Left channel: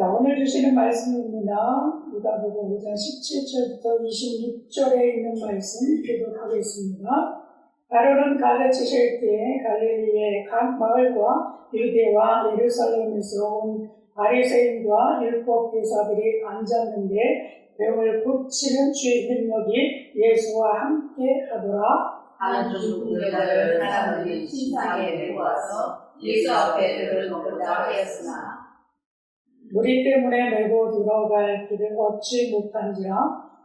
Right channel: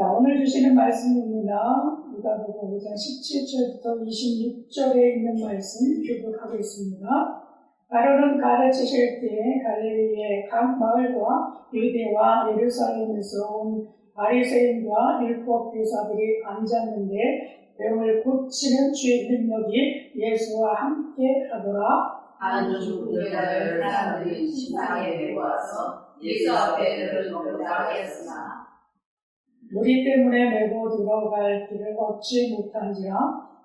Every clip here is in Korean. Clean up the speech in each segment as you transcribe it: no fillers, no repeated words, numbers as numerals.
자, 오늘 주시는 말씀입니다. 누가복음 5장 17절부터 26절에 있는 말씀 교독하겠습니다. 바로는 가르치실 때에 갈릴리의 각 마을과 유대와 예루살렘에서 온 바리새인과 율법 교사들이 앉았는데 병을 고치는 주의 능력이 예수와 함께 하더라. 한 중풍자를 사람들이 심상에 데리고 와서 예수 앞에 들어놓고자 하였으나 무리 때문에 메고 들어갈 길을 얻지 못한지라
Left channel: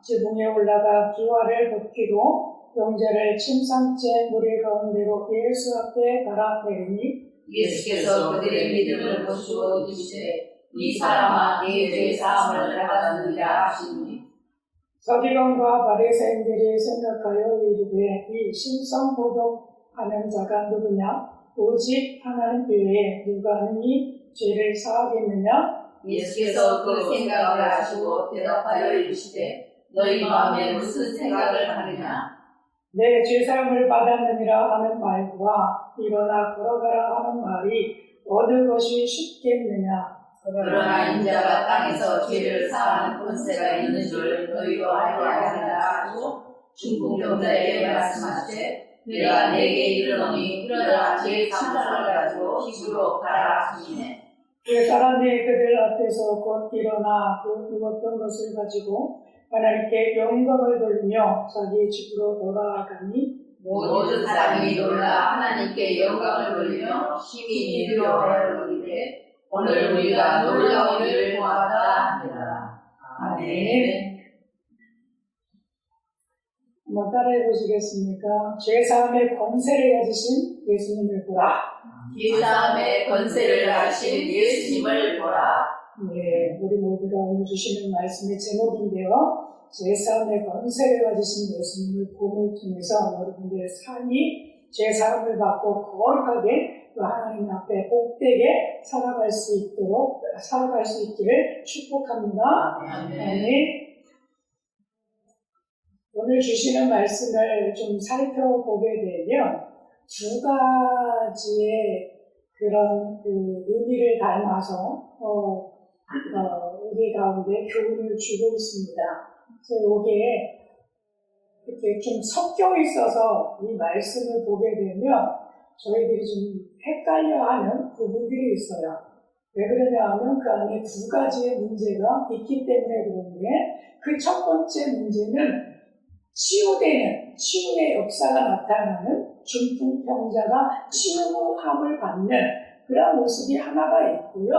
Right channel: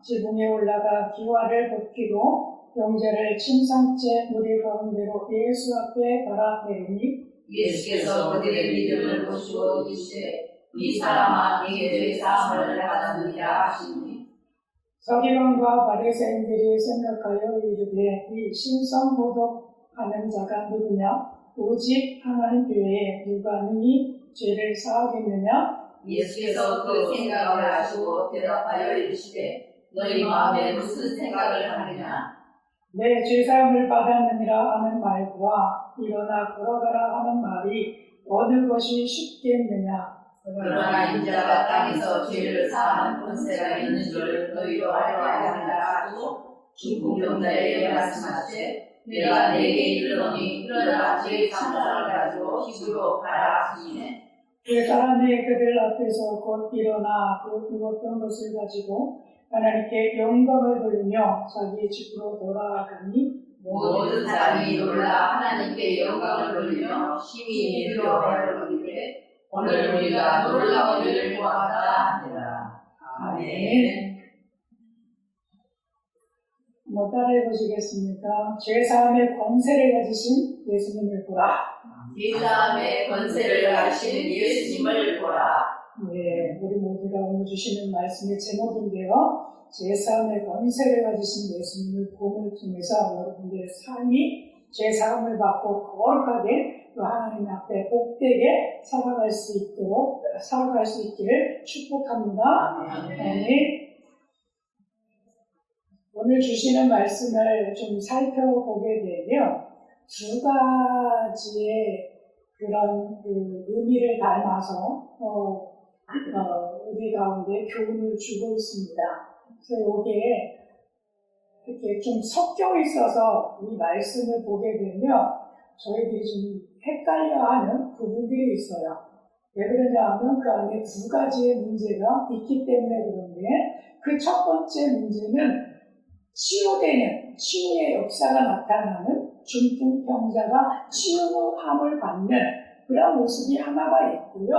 지붕에 올라가 기와를 벗기고 병자를 침상째 무리 가운데로 예수 앞에 달아 내리니 예수께서 그들의 믿음을 보시고 이르시되 이 사람아 네 죄 사함을 받았느니라 하시니 서기관과 바리새인들이 생각하여 이르되 이 신성모독하는 자가 누구냐? 오직 하나님 외에 누가 능히 죄를 사하겠느냐? 예수께서 그 생각을 아시고 대답하여 이르시되 너희 마음에 무슨 생각을 하느냐? 내 죄사함을 받았느니라 하는 말과 일어나 걸어가라 하는 말이 어느 것이 쉽겠느냐? 그러나 인자가 땅에서 죄를 사하는 권세가 있는 줄 너희도 알아야 한다 하고 중풍병자에게 말씀하시되 내가 네게 이르노니 일어나 제 상사를 가지고 집으로 가라 하시네. 그 사람이 그들 앞에서 곧 일어나 그 누웠던 것을 가지고 하나님께 영광을 돌리며 자기 집으로 돌아가니 모든 사람이 놀라 하나님께 영광을 돌리며 심히 두려워하여 이르되 오늘 우리가 놀라기를 보았다 하니라. 아멘. 한번 따라해 보시겠습니까? 죄사함의 권세를 가지신 예수님을 보라. 죄사함의 권세를 가신 예수님을 보라. 네, 우리 모두가 오늘 주시는 말씀의 제목인데요. 죄사함의 권세를 가지신 예수님을 봄을 통해서 여러분들의 삶이 죄사함을 받고 거룩하게 또 하나님 앞에 복되게 살아갈 수 있기를 축복합니다. 아멘. 오늘 주시는 말씀을 좀 살펴보게 되면 두 가지의 그런 의미를 담아서 우리 가운데 교훈을 주고 있습니다. 그래서 이게 이렇게 좀 섞여 있어서 이 말씀을 보게 되면 저희들이 좀 헷갈려하는 부분들이 있어요. 왜 그러냐 하면 그 안에 두 가지의 문제가 있기 때문에 그런데 그 첫 번째 문제는 치유의 역사가 나타나는 중풍병자가 치유함을 받는 그런 모습이 하나가 있고요.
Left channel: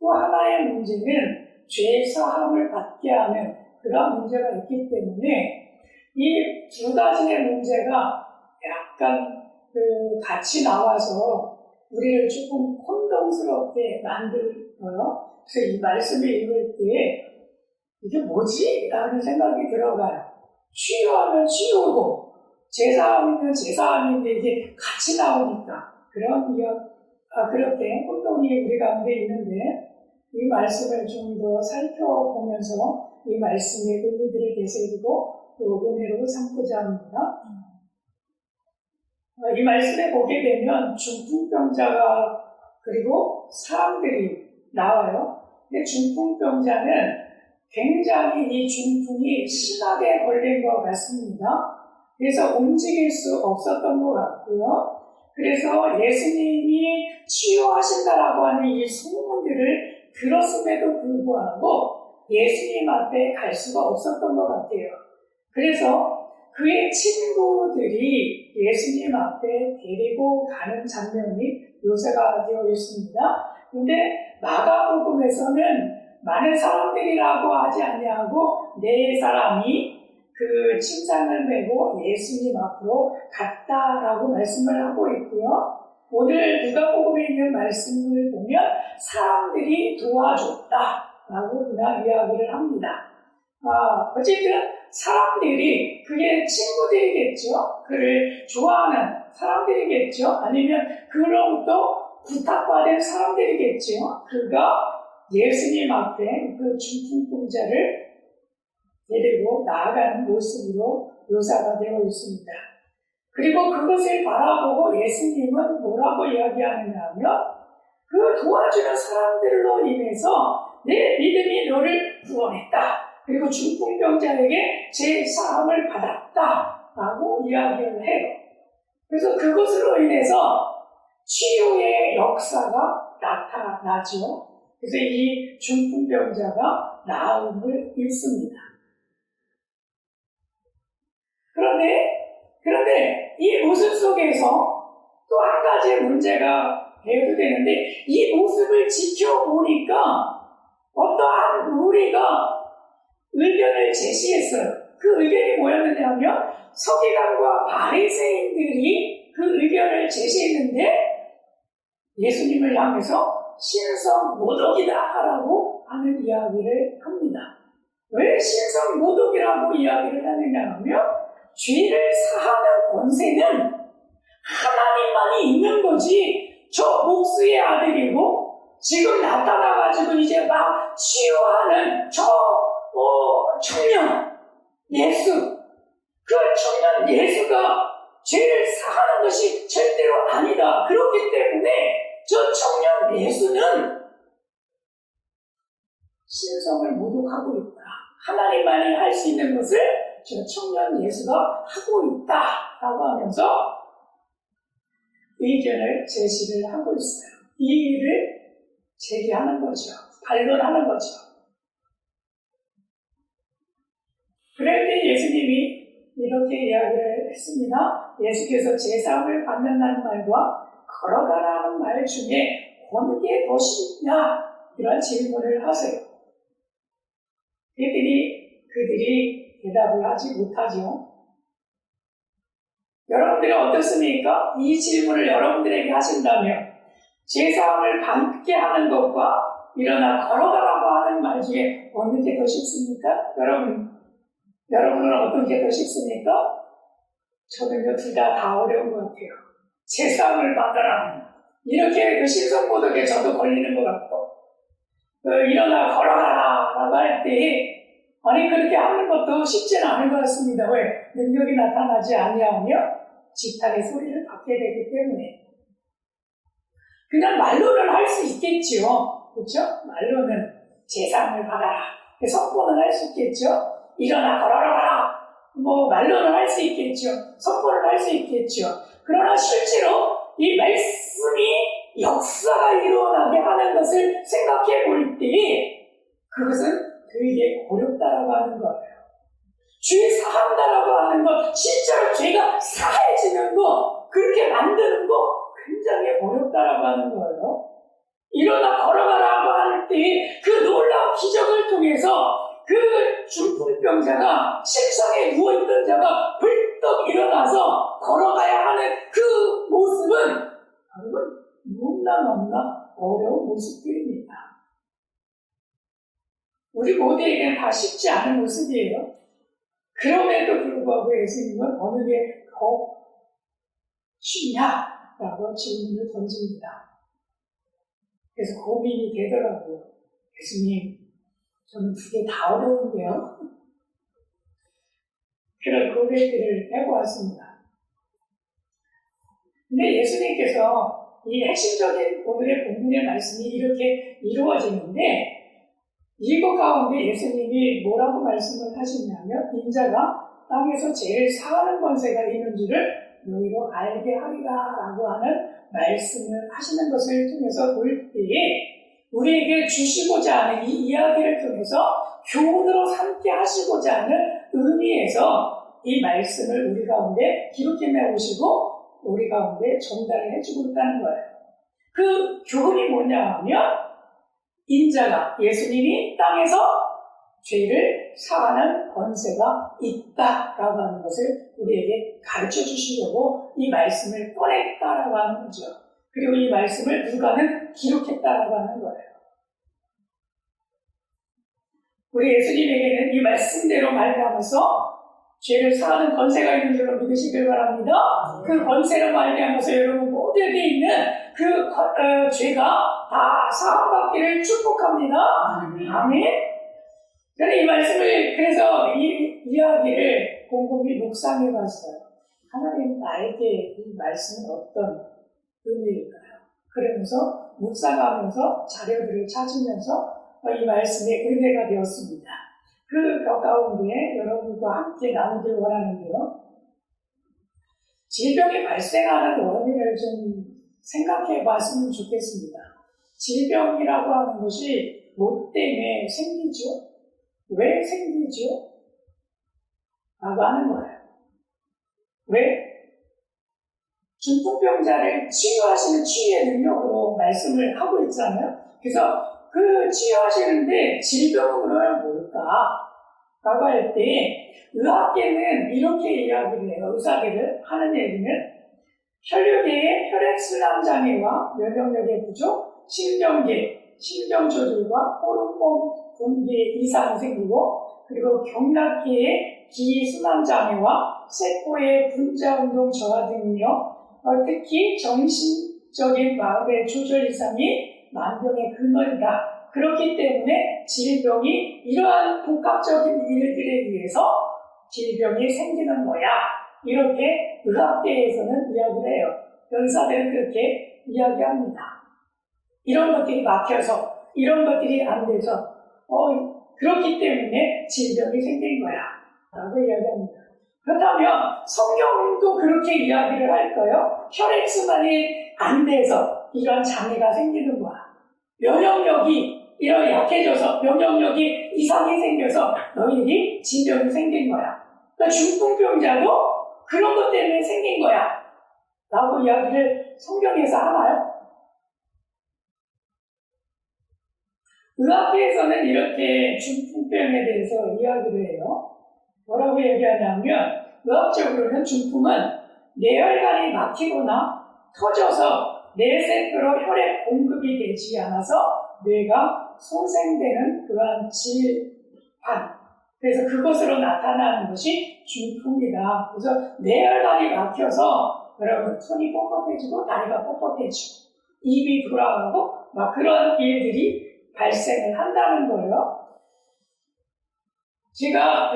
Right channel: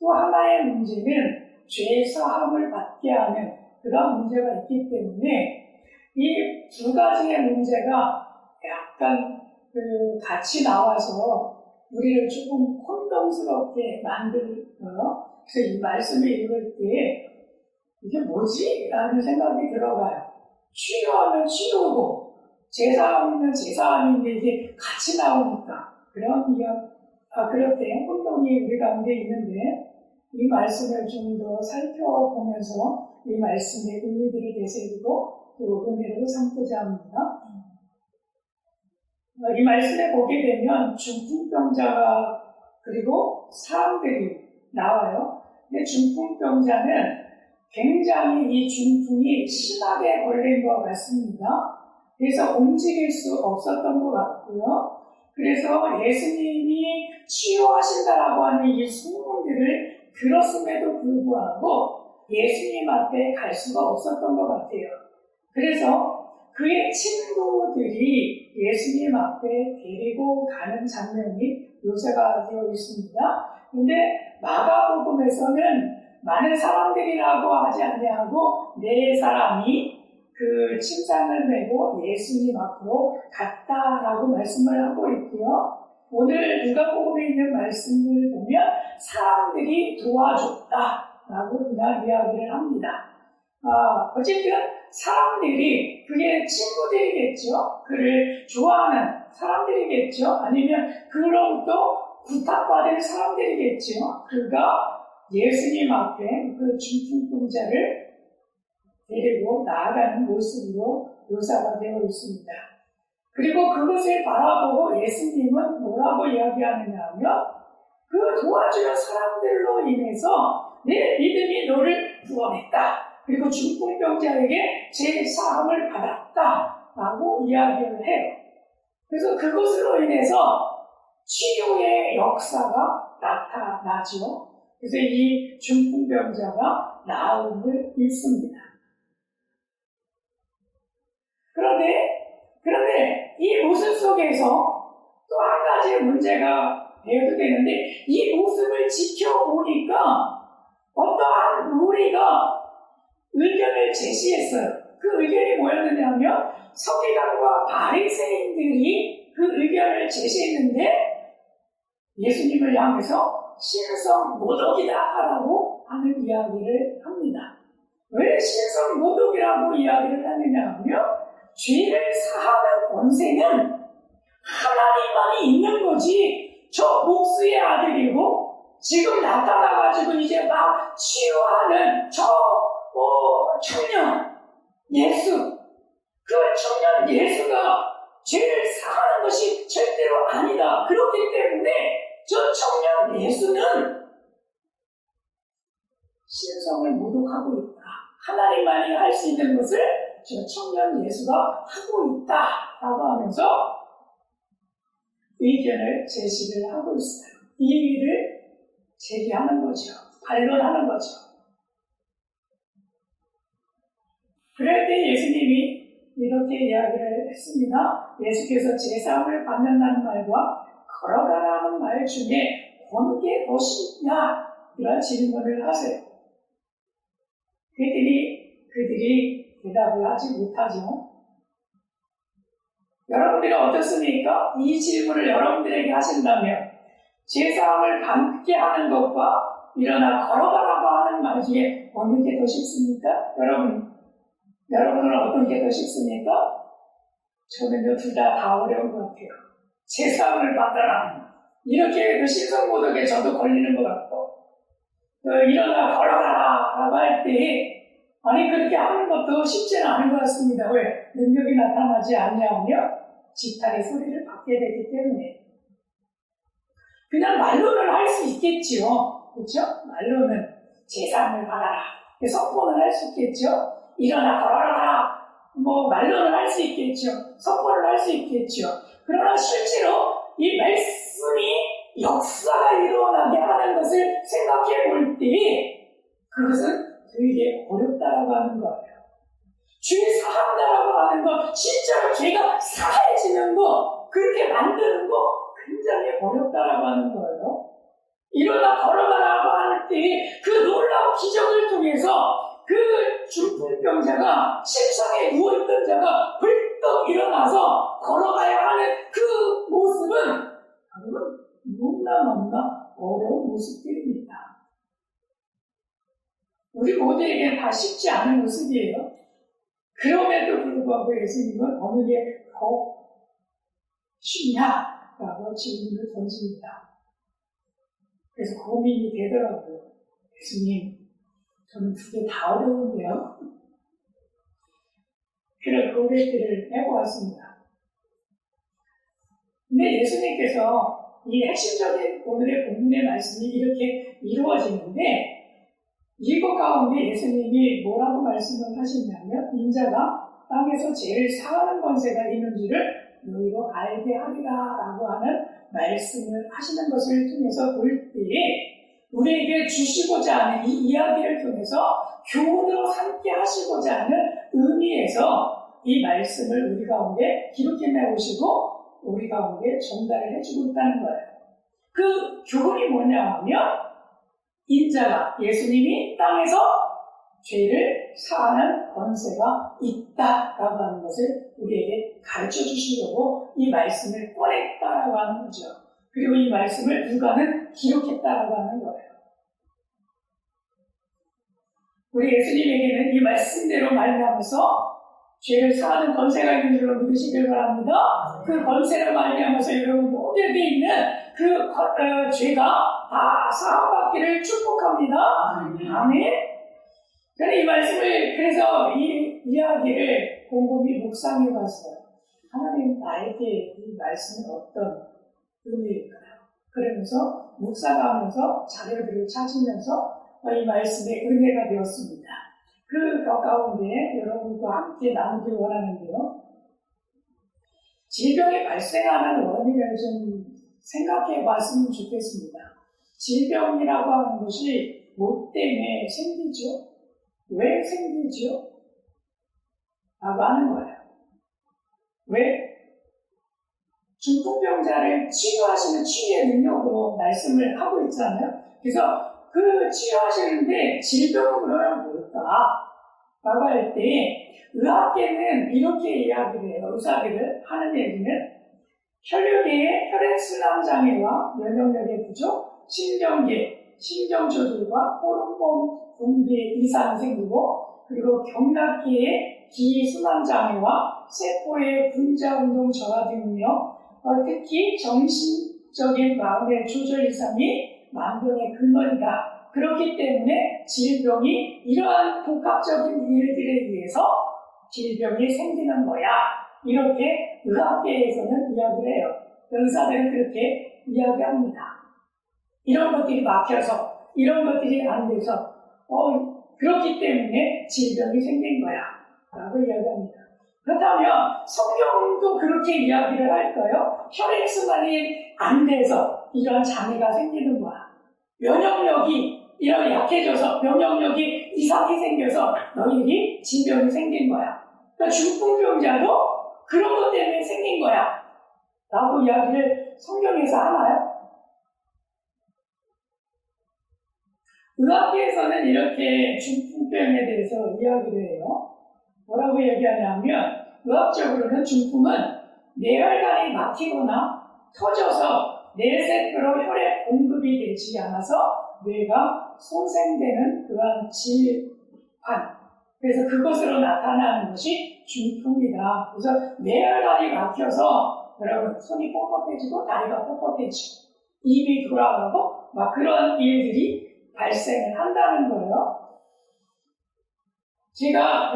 또 하나의 문제는 죄 사함을 받게 하는 그런 문제가 있기 때문에 이 두 가지의 문제가 약간 같이 나와서 우리를 조금 혼동스럽게 만들어요. 그래서 이 말씀을 읽을 때 이게 뭐지? 라는 생각이 들어가요. 치유하면 치유고 제사함이면 제사함인데 이게 같이 나오니까 그렇게 혼동이 우리 가운데 있는데 이 말씀을 좀 더 살펴보면서 이 말씀의 의미들을 되새기고 또 은혜로 삼고자 합니다. 이 말씀에 보게 되면 중풍병자가 그리고 사람들이 나와요. 근데 중풍병자는 굉장히 이 중풍이 심하게 걸린 것 같습니다. 그래서 움직일 수 없었던 것 같고요. 그래서 예수님이 치유하신다라고 하는 이 소문들을 들었음에도 불구하고 예수님 앞에 갈 수가 없었던 것 같아요. 그래서 그의 친구들이 예수님 앞에 데리고 가는 장면이 묘사가 되어 있습니다. 그런데 마가복음에서는 많은 사람들이라고 하지 아니하고 네 사람이 그 침상을 메고 예수님 앞으로 갔다라고 말씀을 하고 있고요. 오늘 누가복음에 있는 말씀을 보면 사람들이 도와줬다라고 그냥 이야기를 합니다. 어쨌든 사람들이 그의 친구들이겠죠. 그를 좋아하는 사람들이겠죠. 아니면 그로부터 부탁받은 사람들이겠죠. 그가 예수님 앞에 그 중풍병자를 데리고 나아가는 모습으로 묘사가 되어 있습니다. 그리고 그것을 바라보고 예수님은 뭐라고 이야기하느냐 하면 그 도와주는 사람들로 인해서 내 믿음이 너를 구원했다. 그리고 중풍병자에게 제 사함을 받았다. 라고 이야기를 해요. 그래서 그것으로 인해서 치료의 역사가 나타나죠. 그래서 이 중풍병자가 나음을 입습니다. 그런데 이 모습 속에서 또 한 가지 문제가 대두되는데, 이 모습을 지켜보니까 어떠한 무리가 의견을 제시했어요. 그 의견이 뭐였느냐 하면, 서기관과 바리새인들이 그 의견을 제시했는데 예수님을 향해서 신성 모독이다라고 하는 이야기를 합니다. 왜 신성 모독이라고 이야기를 하느냐 하면, 죄를 사하는 권세는 하나님만이 있는 거지, 저 목수의 아들이고 지금 나타나가지고 이제 막 치유하는 저 청년 예수, 그 청년 예수가 죄를 사하는 것이 절대로 아니다. 그렇기 때문에 저 청년 예수는 신성을 모독하고 있다. 하나님만이 할 수 있는 것을 저 청년 예수가 하고 있다라고 하면서 의견을 제시를 하고 있어요. 이 일을 제기하는 거죠. 반론하는 거죠. 그럴 때 예수님이 이렇게 이야기를 했습니다. 예수께서 제사함을 받는다는 말과 걸어가라는 말 중에 어느 게 더 쉽냐? 이런 질문을 하세요. 그들이 대답을 하지 못하죠. 여러분들이 어떻습니까? 이 질문을 여러분들에게 하신다면 제사함을 받게 하는 것과 일어나 걸어가라고 하는 말 중에 어느 게 더 쉽습니까? 여러분은 어떤 게 더 쉽습니까? 저는요, 둘 다 어려운 것 같아요. 제사함을 받아라. 이렇게 그 신성모독에 저도 걸리는 것 같고, 일어나 걸어가라 라고 할 때, 아니, 그렇게 하는 것도 쉽지는 않은 것 같습니다. 왜? 능력이 나타나지 아니하면 지탄의 소리를 받게 되기 때문에. 그냥 말로는 할 수 있겠죠. 그렇죠? 말로는 제사함을 받아라. 선포는 할 수 있겠죠. 일어나 걸어가라. 말로는 할 수 있겠죠. 선포를 할 수 있겠죠. 그러나 실제로 이 말씀이 역사가 일어나게 하는 것을 생각해 볼 때 그것은 되게 어렵다라고 하는 거예요. 죄 사한다라고 하는 거, 실제로 죄가 사해지는 거, 그렇게 만드는 거 굉장히 어렵다라고 하는 거예요. 일어나 걸어가라고 할 때 그 놀라운 기적을 통해서 그 중풍병자가 침상에 누워있던 자가 벌떡 일어나서 걸어가야 하는 그 모습은 여러분 너무나 어려운 모습들입니다. 우리 모두에게는 다 쉽지 않은 모습이에요. 그럼에도 불구하고 예수님은 어느 게 더 쉽냐라고 질문을 던집니다. 그래서 고민이 되더라고요. 예수님, 저는 두 개 다 어려운데요. 그런 고백들을 해보았습니다. 근데 예수님께서 이 핵심적인 오늘의 본문의 말씀이 이렇게 이루어지는데, 이것 가운데 예수님이 뭐라고 말씀을 하시냐면, 인자가 땅에서 죄를 사하는 권세가 있는 줄을 너희로 알게 하리라 라고 하는 말씀을 하시는 것을 통해서 볼 때에 우리에게 주시고자 하는 이 이야기를 통해서 교훈으로 삼게 하시고자 하는 의미에서 이 말씀을 우리 가운데 기록해 오시고 우리 가운데 전달을 해주고 있다는 거예요. 그 교훈이 뭐냐 하면 인자가 예수님이 땅에서 죄를 사하는 권세가 있다라고 하는 것을 우리에게 가르쳐 주시려고 이 말씀을 꺼냈다라고 하는 거죠. 그리고 이 말씀을 누가는 기록했다라고 하는 거예요. 우리 예수님에게는 이 말씀대로 말미암아서 죄를 사하는 권세가 있는 줄로 믿으시길 바랍니다. 그 권세로 말미암아서 여러분 모두에게 있는 그 죄가 다 사함받기를 축복합니다. 아멘. 저는 이 말씀을 그래서 이 이야기를 곰곰이 묵상해 봤어요. 하나님 나에게 이 말씀은 어떤 의미일까요? 그러면서 묵상하면서 자료들을 찾으면서 이 말씀의 은혜가 되었습니다. 그 가운데 여러분과 함께 나누길 원하는데요. 질병이 발생하는 원인을 좀 생각해 봤으면 좋겠습니다. 질병이라고 하는 것이 뭐 때문에 생기죠? 왜 생기죠? 라고 하는 거예요. 왜? 중풍병자를 치유하시는 치유의 능력으로 말씀을 하고 있잖아요. 그래서 그 치유하시는데 질병은 그러면 뭘까? 라고 할 때 의학계는 이렇게 이야기를 해요. 의사들을 하는 얘기는 혈류계의 혈액순환 장애와 면역력의 부족, 심경계, 심경조절과 호르몬 분비 이상이 생기고 그리고 경락계의 기순환 장애와 세포의 분자 운동 저하 등이며 특히 정신적인 마음의 조절 이상이 만병의 근원이다. 그렇기 때문에 질병이 이러한 복합적인 일들에 의해서 질병이 생기는 거야. 이렇게 의학계에서는 이야기를 해요. 의사들은 그렇게 이야기합니다. 이런 것들이 막혀서, 이런 것들이 안 돼서, 그렇기 때문에 질병이 생긴 거야. 라고 이야기합니다. 그렇다면 성경도 그렇게 이야기를 할까요? 혈액순환이 안 돼서 이런 장애가 생기는 거야. 면역력이 이런 약해져서 면역력이 이상이 생겨서 너희들이 질병이 생긴 거야. 그러니까 중풍병자도 그런 것 때문에 생긴 거야. 라고 이야기를 성경에서 하나요? 의학계에서는 이렇게 중풍병에 대해서 이야기를 해요. 뭐라고 얘기하냐면 의학적으로는 중풍은 뇌혈관이 막히거나 터져서 뇌세포로 혈액 공급이 되지 않아서 뇌가 손상되는 그러한 질환. 그래서 그것으로 나타나는 것이 중풍이다. 그래서 뇌혈관이 막혀서 여러분 손이 뻣뻣해지고 다리가 뻣뻣해지고 입이 돌아가고 막 그런 일들이 발생을 한다는 거예요. 제가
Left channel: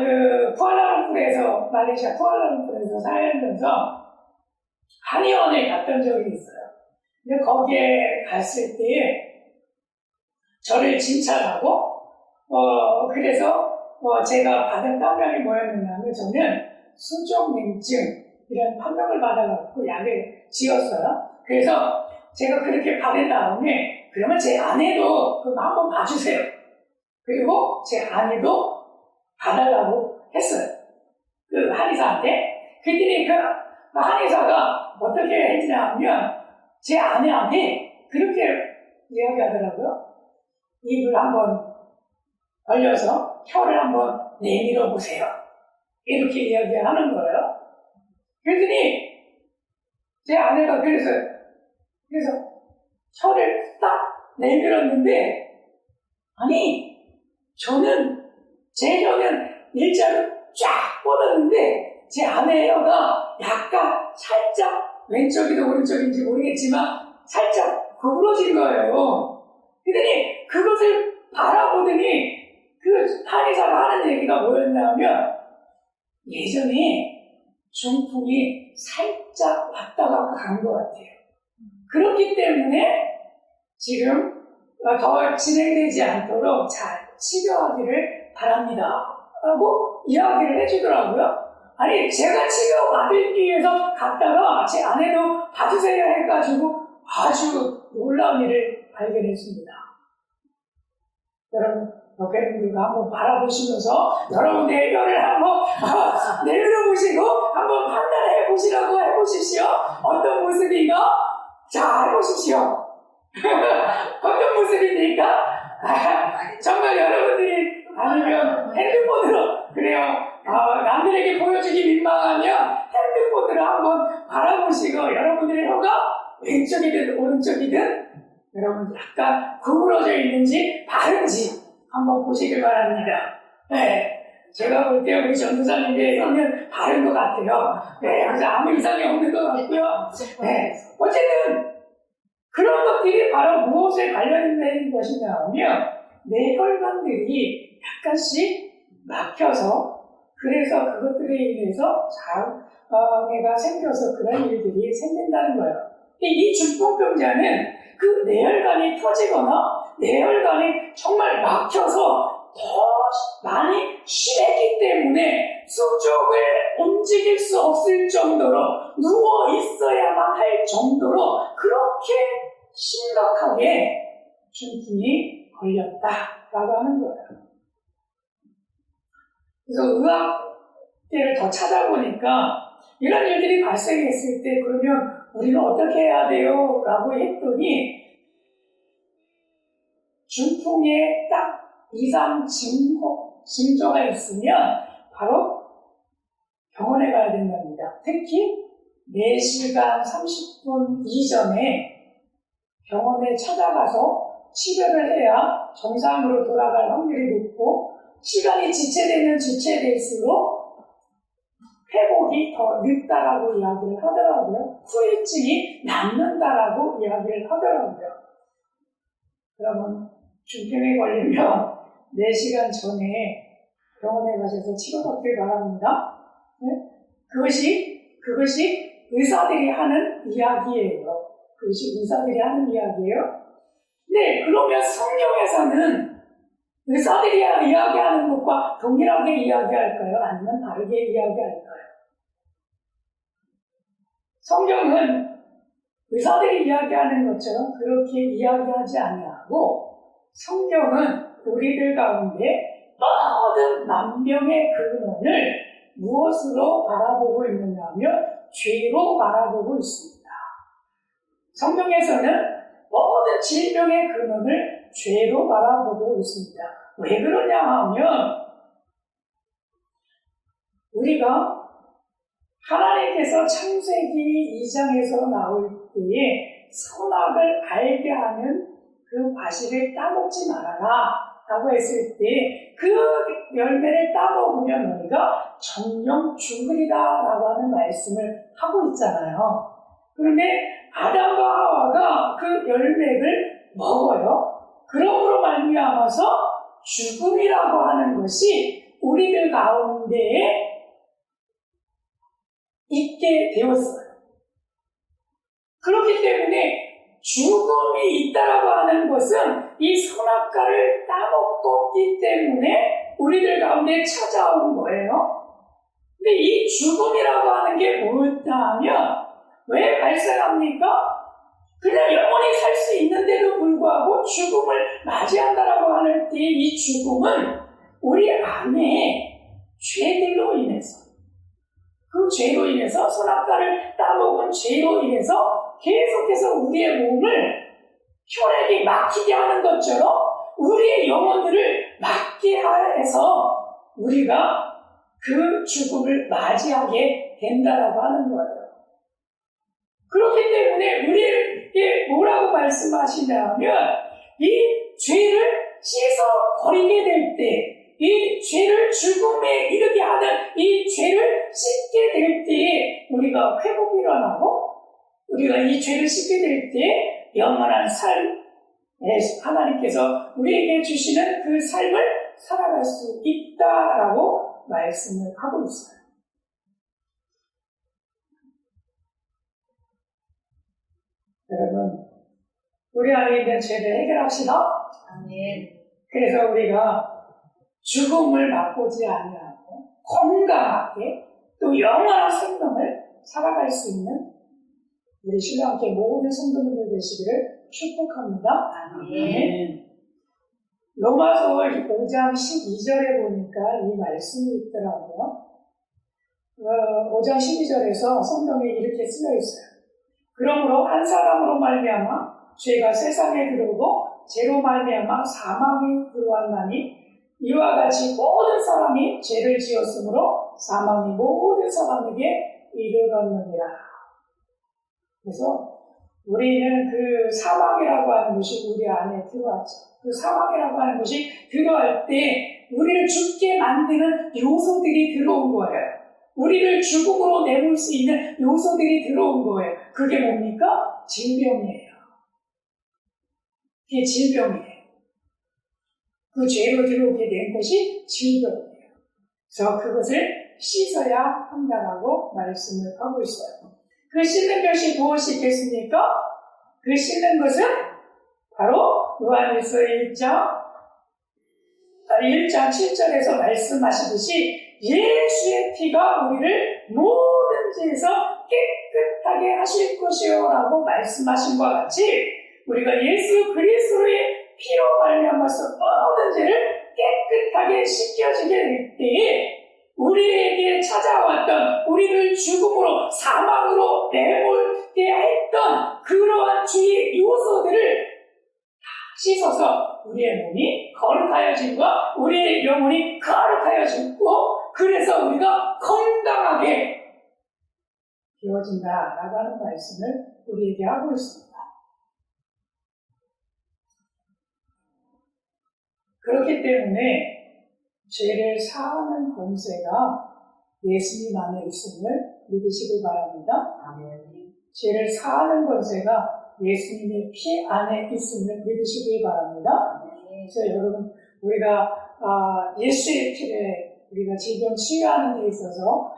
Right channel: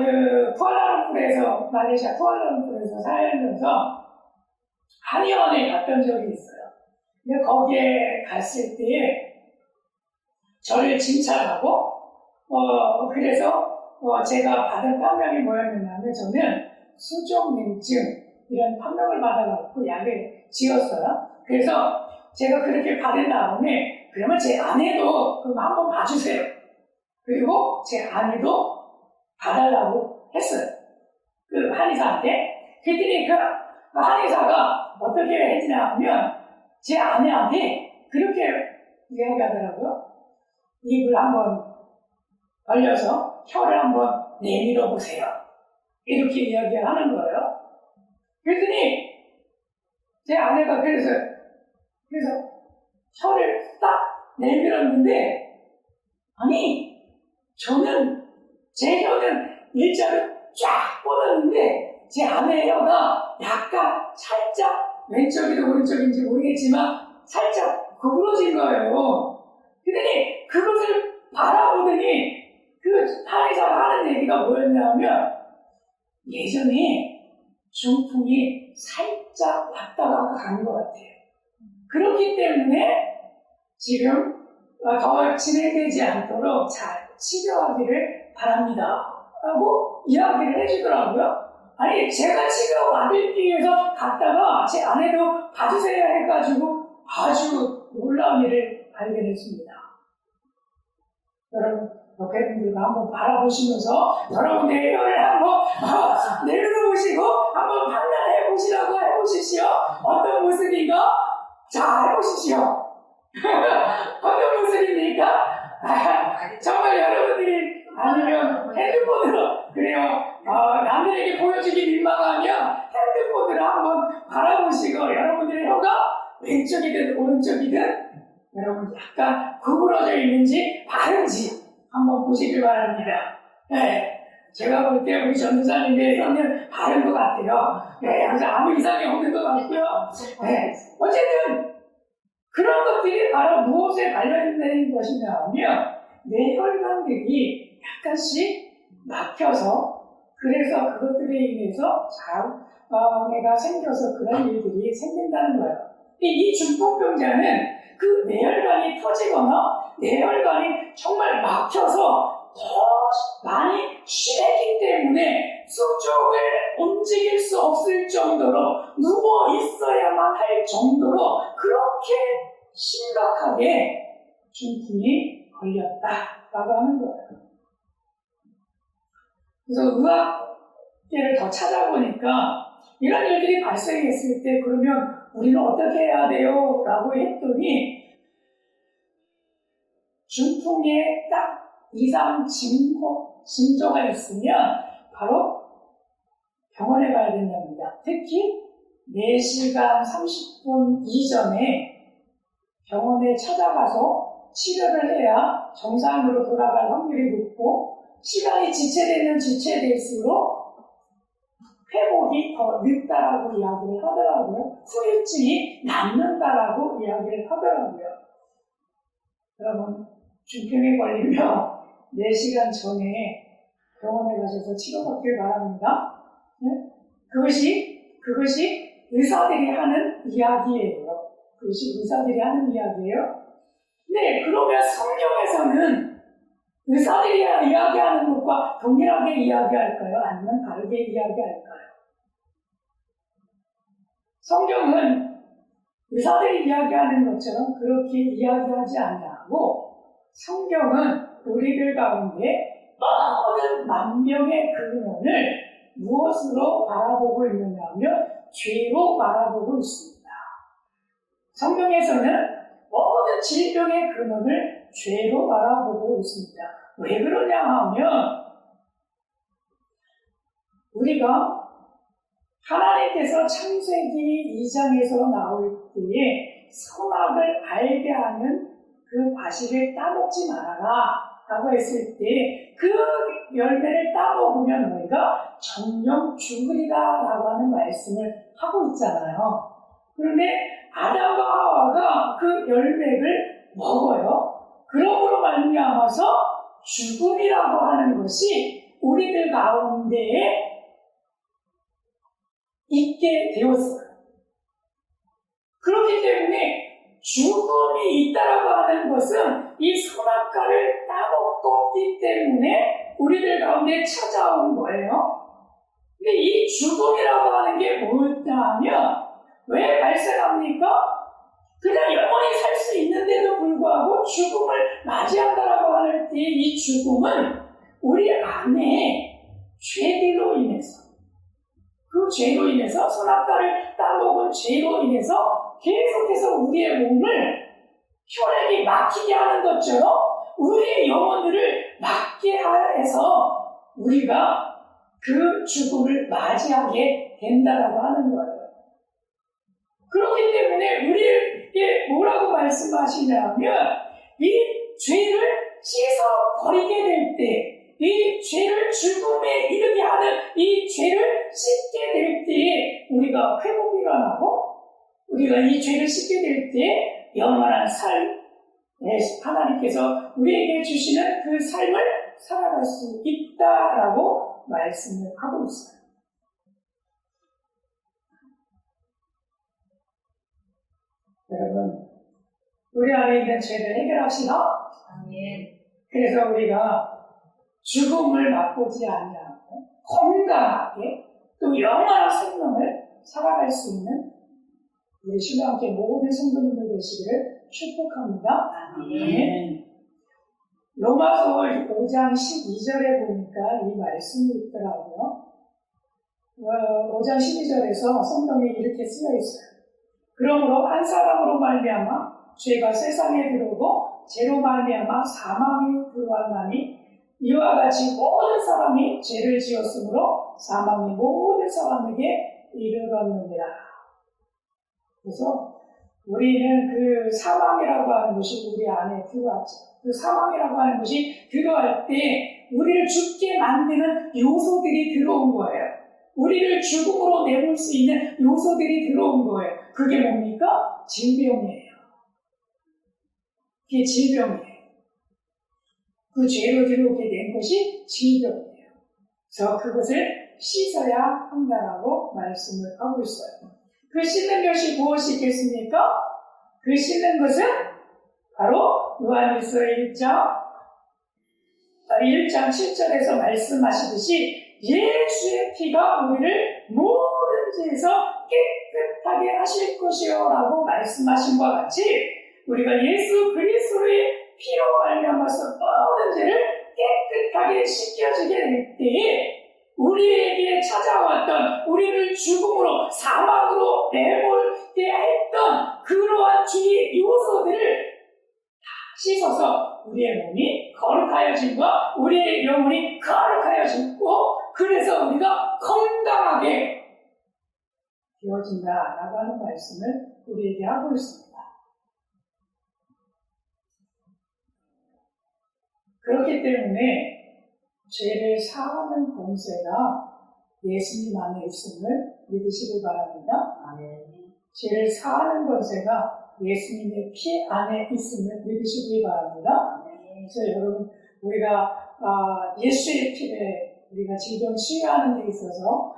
쿠알라룸푸르에서 말레이시아 쿠알라룸푸르에서 살면서 한의원에 갔던 적이 있어요. 근데 거기에 갔을 때 저를 진찰하고 그래서 제가 받은 판명이 뭐였냐면 저는 수족냉증 이런 판명을 받아갖고 약을 지었어요. 그래서 제가 그렇게 받은 다음에 그러면 제 아내도 그럼 한번 봐주세요. 그리고 제 아내도 봐달라고 했어요. 그 한의사한테. 그랬더니 그 한의사가 어떻게 했냐면 제 아내한테 그렇게 이야기하더라고요. 입을 한번 벌려서 혀를 한번 내밀어 보세요. 이렇게 이야기하는 거예요. 그랬더니 제 아내가 그래서 혀를 딱 내밀었는데 아니 저는 제 혀는 일자로 쫙 뻗었는데 제 아내의 혀가 약간 살짝 왼쪽이든 오른쪽인지 모르겠지만 살짝 구부러진 거예요. 그랬더니 그것을 바라보더니 그 한의사가 하는 얘기가 뭐였냐면 예전에 중풍이 살짝 왔다가 간 것 같아요. 그렇기 때문에 지금 더 진행되지 않도록 잘 치료하기를 바랍니다. 라고 이야기를 해주더라고요. 아니 제가 치료받기 위해서 갔다가 제 아내도 봐주세요 해가지고 아주 놀라운 일을 발견했습니다. 여러분 옆에 분들과 한번 바라보시면서 여러분의 혀를 한번 내밀어보시고 한번 판단해 보시라고 해보십시오. 어떤 모습인가? 자 해보십시오. 어떤 모습입니까? 정말 여러분들이 아니면 핸드폰으로 그래요. 남들에게 보여주기 민망하면 핸드폰으로 한번 바라보시고 여러분들의 혀가 왼쪽이든 오른쪽이든 여러분 약간 구부러져 있는지 바른지 한번 보시길 바랍니다. 네. 제가 볼 때 우리 전도사님의 혀는 바른 것 같아요. 네. 그래서 아무 이상이 없는 것 같고요. 네. 어쨌든 그런 것들이 바로 무엇에 관련된 것이냐면 뇌혈관들이 약간씩 막혀서 그래서 그것들에 인해서 장애가 생겨서 그런 일들이 생긴다는 거예요. 이 중풍병자는 그 뇌혈관이 터지거나 뇌혈관이 정말 막혀서 더 많이 쉬었기 때문에 수족을 움직일 수 없을 정도로 누워 있어야만 할 정도로 그렇게 심각하게 중풍이 걸렸다라고 하는 거예요. 그래서 의학계를 더 찾아보니까 이런 일들이 발생했을 때 그러면 우리는 어떻게 해야 돼요? 라고 했더니 중풍의 딱 이상 징조가 있으면 바로 병원에 가야 된답니다. 특히 4시간 30분 이전에 병원에 찾아가서 치료를 해야 정상으로 돌아갈 확률이 높고 시간이 지체되면 지체될수록 회복이 더 늦다라고 이야기를 하더라고요. 후유증이 남는다라고 이야기를 하더라고요. 그러면 중풍에 걸리면 4시간 전에 병원에 가셔서 치료받길 바랍니다. 네? 그것이 의사들이 하는 이야기예요. 그것이 의사들이 하는 이야기예요. 네, 그러면 성경에서는 의사들이 이야기하는 것과 동일하게 이야기할까요? 아니면 다르게 이야기할까요? 성경은 의사들이 이야기하는 것처럼 그렇게 이야기하지 아니하고 성경은 우리들 가운데 모든 만병의 근원을 무엇으로 바라보고 있느냐 하면 죄로 바라보고 있습니다. 성경에서는 모든 질병의 근원을 죄로 바라보고 있습니다. 왜 그러냐 하면 우리가 하나님께서 창세기 2장에서 나올 때에 선악을 알게 하는 그 과실을 따먹지 말아라 라고 했을 때 그 열매를 따먹으면 너희가 정령 죽으리라 라고 하는 말씀을 하고 있잖아요. 그런데 아담과 하와가 그 열매를 먹어요. 그러므로 말미암아서 죽음이라고 하는 것이 우리들 가운데에 있게 되었어요. 그렇기 때문에 죽음이 있다라고 하는 것은 이 선악과를 따먹었기 때문에 우리들 가운데 찾아온 거예요. 근데 이 죽음이라고 하는 게 뭐였다 하면 왜 발생합니까? 그냥 영원히 살 수 있는데도 불구하고 죽음을 맞이한다라고 하는 때 이 죽음은 우리 안에 죄들로 인해서 그 죄로 인해서 선악과를 따먹은 죄로 인해서 계속해서 우리의 몸을 혈액이 막히게 하는 것처럼 우리의 영혼들을 막게 해서 우리가 그 죽음을 맞이하게 된다라고 하는 거예요. 그렇기 때문에 우리에게 뭐라고 말씀하시냐면 이 죄를 씻어 버리게 될 때 이 죄를 죽음에 이르게 하는 이 죄를 씻게 될 때에 우리가 회복이 일어나고 우리가 이 죄를 씻게 될 때 영원한 삶, 하나님께서 우리에게 주시는 그 삶을 살아갈 수 있다라고 말씀을 하고 있어요. 여러분, 우리 안에 있는 죄를 해결합시다. 아멘. 그래서 우리가 죽음을 맛보지 아니하고 건강하게 또 영원한 생명을 살아갈 수 있는 우리 신랑께 모든 성도님들 되시기를 축복합니다. 아멘. 로마서 5장 12절에 보니까 이 말씀이 있더라고요. 5장 12절에서 성경에 이렇게 쓰여 있어요. 그러므로 한 사람으로 말미암아 죄가 세상에 들어오고 죄로 말미암아 사망이 들어왔나니 이와 같이 모든 사람이 죄를 지었으므로 사망이 모든 사람에게 이르렀느니라. 그래서 우리는 그 사망이라고 하는 것이 우리 안에 들어왔죠. 그 사망이라고 하는 것이 들어갈 때 우리를 죽게 만드는 요소들이 들어온 거예요. 우리를 죽음으로 내몰 수 있는 요소들이 들어온 거예요. 그게 뭡니까? 질병이에요. 그게 질병이에요. 그 죄로 들어오게 된 것이 질병이에요. 그래서 그것을 씻어야 한다라고 말씀을 하고 있어요. 그 씻는 것이 무엇이 있겠습니까? 그 씻는 것은 바로 요한일서 1장 7절에서 말씀하시듯이 예수의 피가 우리를 모든 죄에서 깨끗하게 하실 것이요 라고 말씀하신 것과 같이 우리가 예수 그리스도의 피로 말미암아서 모든 죄를 깨끗하게 씻겨지게 될 때에 우리에게 찾아왔던 우리를 죽음으로 사망으로 내몰게 했던 그러한 죄의 요소들을 다 씻어서 우리의 몸이 거룩하여진과 우리의 영혼이 거룩하여지고 그래서 우리가 건강하게 되어진다라고 하는 말씀을 우리에게 하고 있습니다. 그렇기 때문에 죄를 사하는 권세가 예수님 안에 있음을 믿으시길 바랍니다. 죄를 사하는 권세가 예수님의 피 안에 있음을 믿으시길 바랍니다. 그래서 여러분 우리가 예수의 피를 우리가 질병 치유하는 데 있어서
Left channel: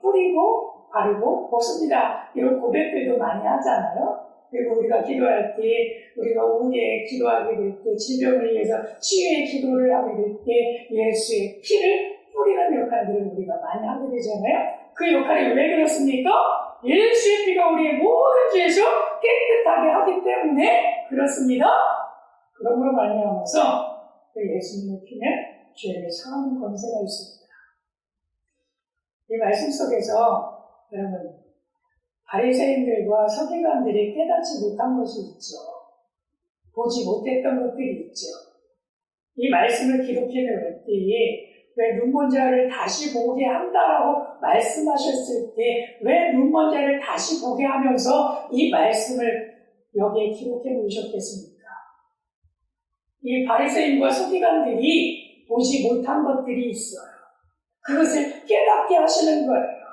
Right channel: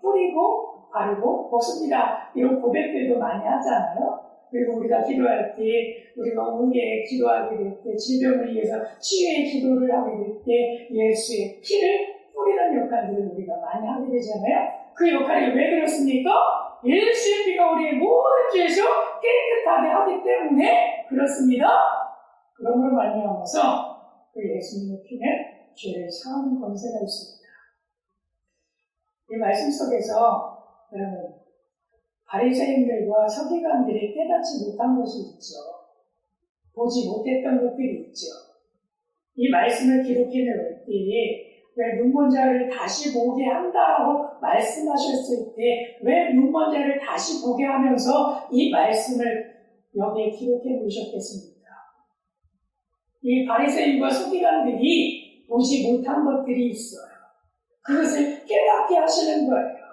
뿌리고 바르고 벗습니다. 이런 고백들도 많이 하잖아요. 그리고 우리가 기도할 때, 우리가 오후에 기도하게 될 때, 질병을 위해서 치유의 기도를 하게 될 때, 예수의 피를 뿌리는 역할들을 우리가 많이 하게 되잖아요. 그 역할이 왜 그렇습니까? 예수의 피가 우리의 모든 죄에서 깨끗하게 하기 때문에 그렇습니다. 그러므로 말미암아서 그 예수님의 피는 죄를 사하는 권세가 있습니다. 이 말씀 속에서 여러분 바리새인들과 서기관들이 깨닫지 못한 것이 있죠. 보지 못했던 것들이 있죠. 이 말씀을 기록해 놓을 때에 왜 눈먼 자를 다시 보게 한다라고 말씀하셨을 때 왜 눈먼 자를 다시 보게 하면서 이 말씀을 여기에 기록해 놓으셨겠습니까? 이 바리새인과 서기관들이 보지 못한 것들이 있어요. 그것을 깨닫게 하시는 거예요.